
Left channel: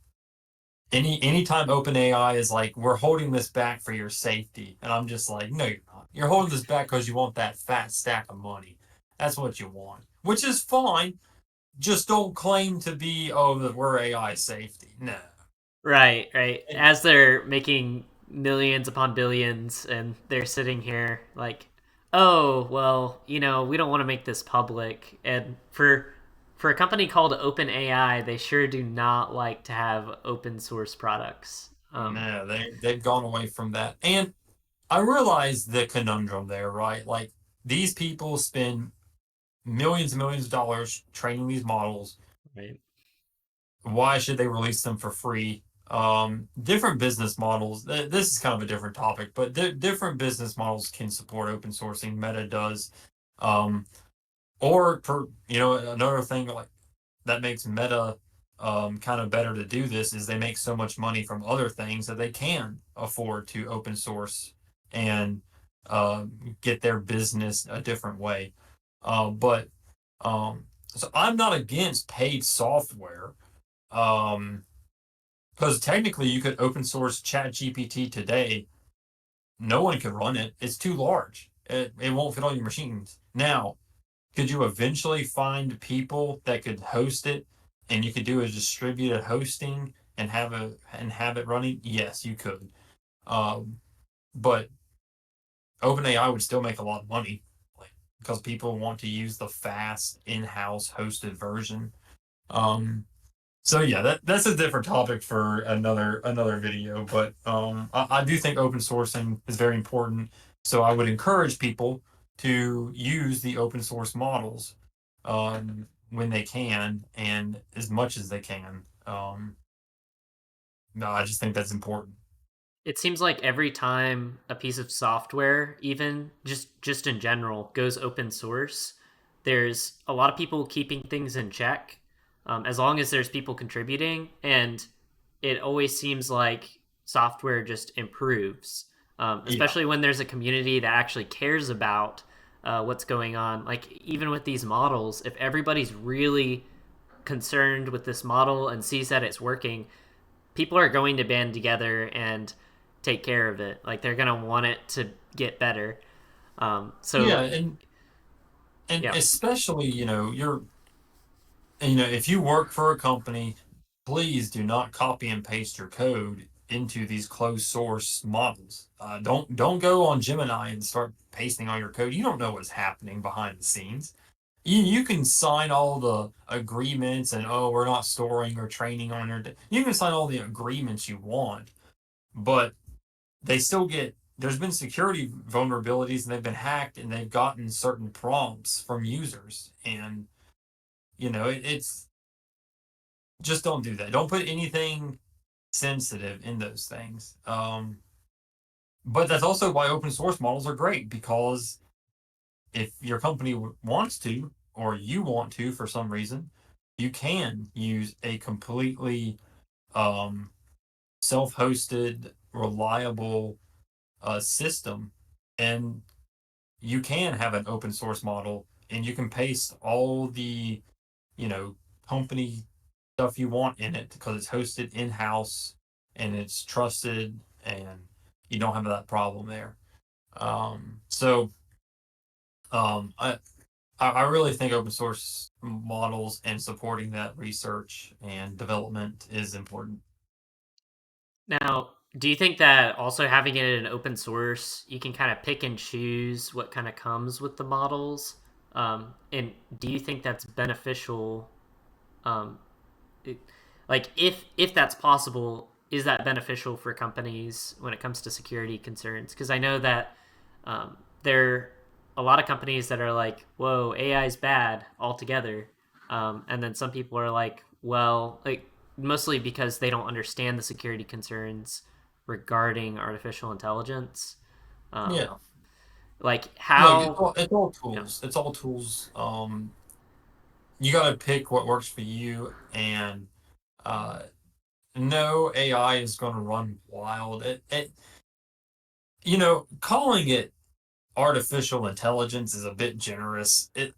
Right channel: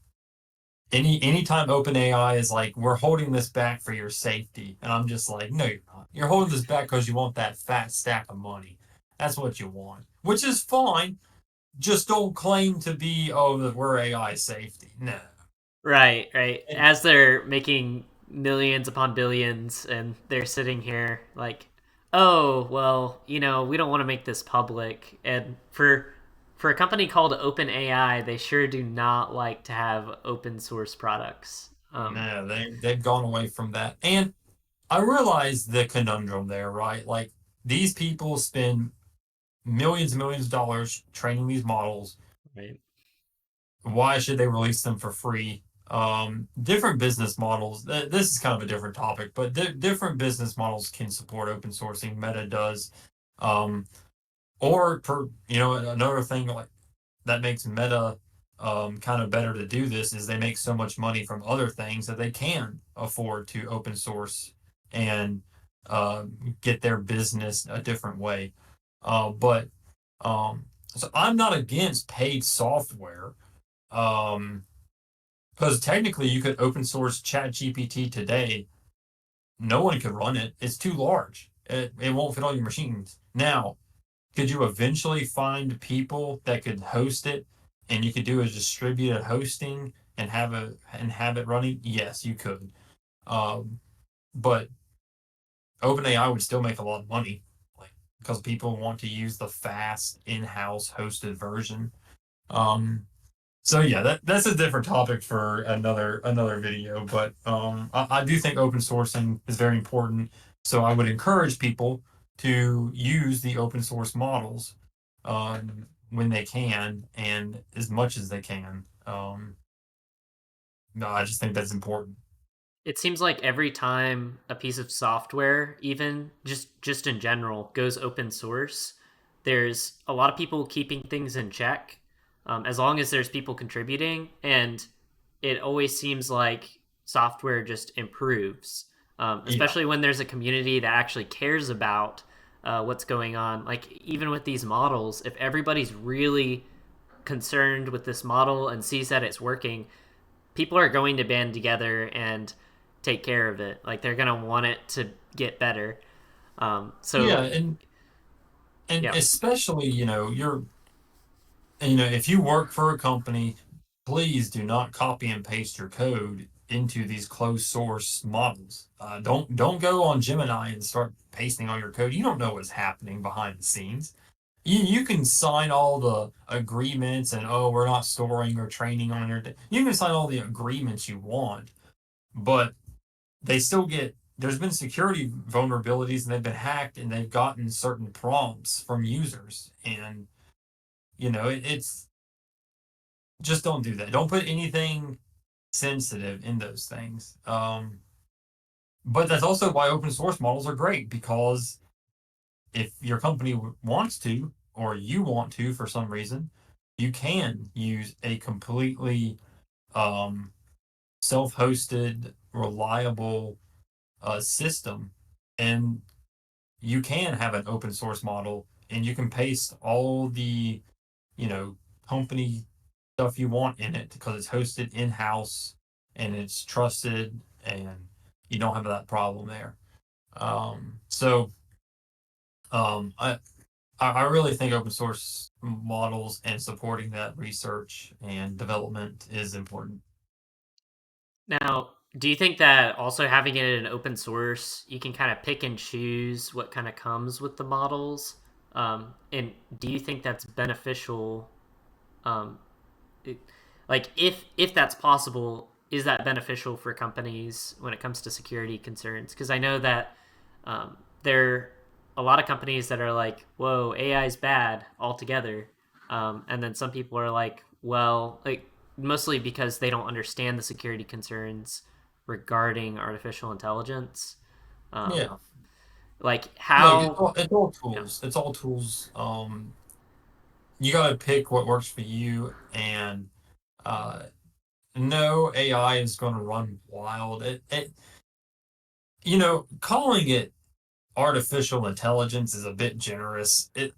anytime OpenAI is like, we're holding this back for your safety, and I'm just like, no, you're not. You're holding this back because you want that fat stack of money. That's what you want, which is fine. Just don't claim to be, oh, that we're AI safety. No. Right, right. And As they're making millions upon billions and they're sitting here like, "Oh, well, we don't want to make this public." And for a company called OpenAI, they sure do not like to have open source products. no, they've gone away from that. And I realize the conundrum there, right? Like these people spend millions and millions of dollars training these models. Right. Why should they release them for free? Different business models. This is kind of a different topic, but different business models can support open sourcing. Meta does, um, or another thing like that makes Meta kind of better to do this is they make so much money from other things that they can afford to open source and uh, get their business a different way. But so I'm not against paid software. Um, because technically you could open source ChatGPT today. No one could run it. It's too large. It won't fit on your machines. Now, could you eventually find people that could host it and you could do a distributed hosting and have it running? Yes, you could. But OpenAI would still make a lot of money, like because people want to use the fast in-house hosted version. Um, So yeah, that's a different topic for another video. But I do think open sourcing is very important. So I would encourage people to use the open source models when they can and as much as they can. No, I just think that's important. It seems like every time a piece of software, even just in general, goes open source, there's a lot of people keeping things in check, as long as there's people contributing, and it always seems like software just improves, Yeah, especially when there's a community that actually cares about what's going on. Like even with these models, if everybody's really concerned with this model and sees that it's working, people are going to band together and take care of it. Like they're gonna want it to get better. Yeah, So and yeah. especially, if you work for a company, please do not copy and paste your code into these closed source models. Don't go on Gemini and start pasting all your code. You don't know what's happening behind the scenes. You can sign all the agreements and, oh, we're not storing or training on your. You can sign all the agreements you want, but they still get. There's been security vulnerabilities and they've been hacked and they've gotten certain prompts from users, and it's just don't do that. Don't put anything sensitive in those things. But that's also why open source models are great, because if your company wants to, or you want to for some reason, you can use a completely um, self-hosted, reliable system, and you can have an open source model, and you can paste all the you know company stuff you want in it because it's hosted in house and it's trusted, and you don't have that problem there. So I really think open source models and supporting that research and development is important. Now, do you think that also having it in open source, you can kind of pick and choose what kind of comes with the models? And do you think that's beneficial? Um, it, like, if that's possible, is that beneficial for companies when it comes to security concerns? Because I know that there are a lot of companies that are like, "Whoa, AI is bad altogether," and then some people are like, "Well, like mostly because they don't understand the security concerns regarding artificial intelligence." Um, Yeah. like Look, it's how, all, it's all yeah, tools. It's all tools. You got to pick what works for you, and uh, no AI is going to run wild. Calling it artificial intelligence is a bit generous. It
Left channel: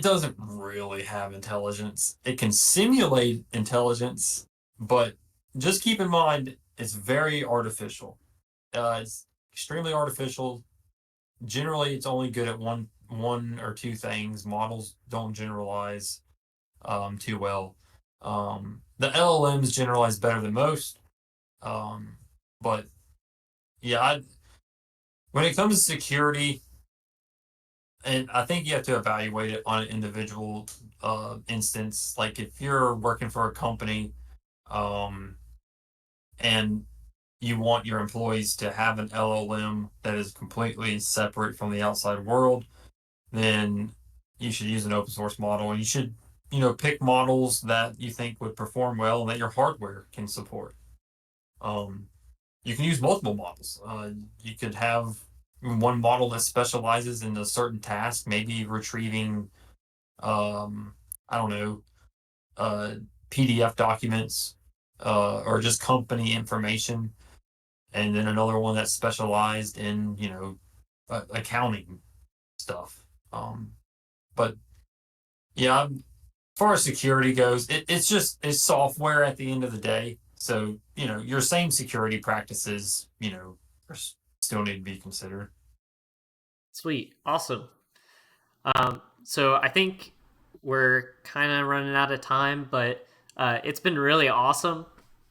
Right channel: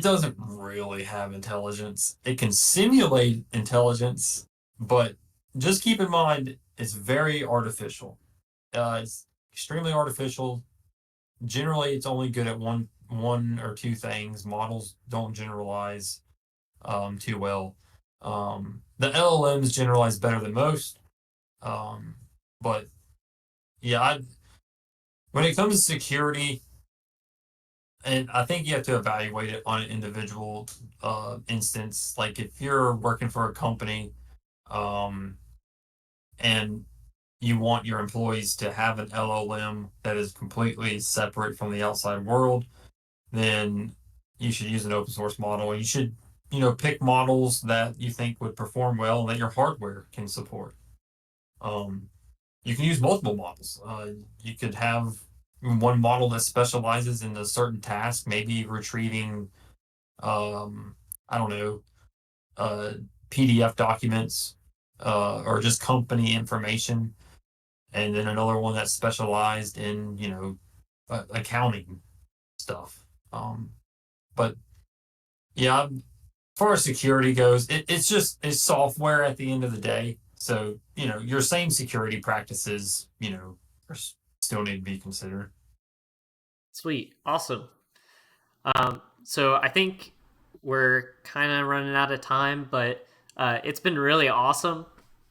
doesn't really have intelligence. It can simulate intelligence, but just keep in mind it's very artificial. It's extremely artificial. Generally, it's only good at one or two things. Models don't generalize too well. The LLMs generalize better than most. Um, but yeah, when it comes to security, and I think you have to evaluate it on an individual instance. Like if you're working for a company, um, and you want your employees to have an LLM that is completely separate from the outside world, then you should use an open source model, and you should, pick models that you think would perform well and that your hardware can support. Um, you can use multiple models. You could have one model that specializes in a certain task, maybe retrieving, um, I don't know, uh, PDF documents, or just company information, and then another one that's specialized in, accounting stuff. But yeah, as far as security goes, it's software at the end of the day. So your same security practices, still need to be considered. sweet, awesome. So I think we're kind of running out of time, but it's been really awesome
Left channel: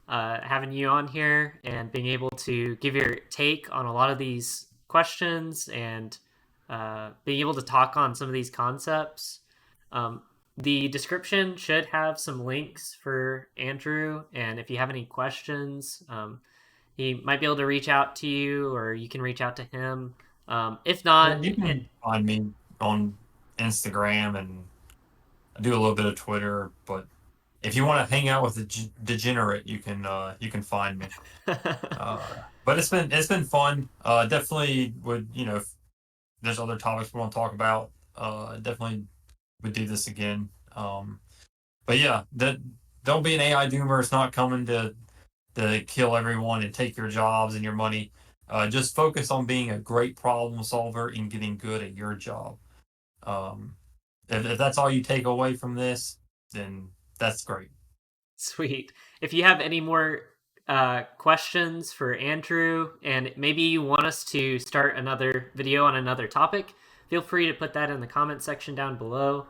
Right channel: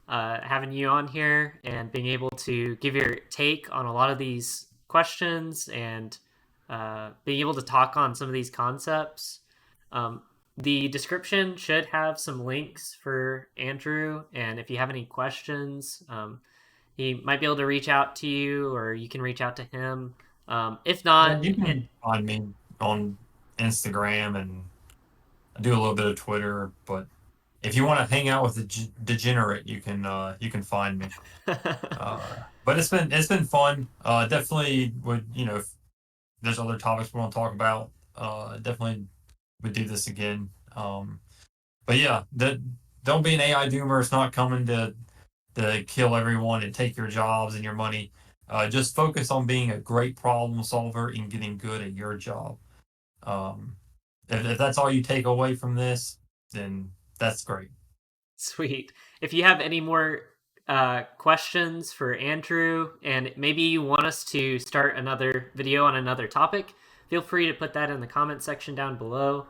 having you on here and being able to give your take on a lot of these questions and being able to talk on some of these concepts. Um, the description should have some links for Andrew, and if you have any questions, he might be able to reach out to you, or you can reach out to him. If Yeah, not, you can find me on Instagram, and I do a little bit of Twitter. But if you want to hang out with the degenerate, you can find me. But it's been fun. Definitely would, if there's other topics we want to talk about, definitely would do this again. But yeah, don't be an AI doomer. It's not coming to kill everyone and take your jobs and your money. Just focus on being a great problem solver and getting good at your job. Um, if that's all you take away from this, then that's great. Sweet. If you have any more questions for Andrew, and maybe you want us to start another video on another topic, feel free to put that in the comment section down below.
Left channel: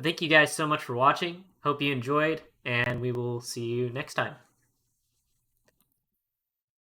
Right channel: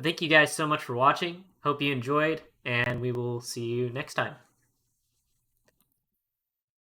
Thank you guys so much for watching. Hope you enjoyed, and we will see you next time.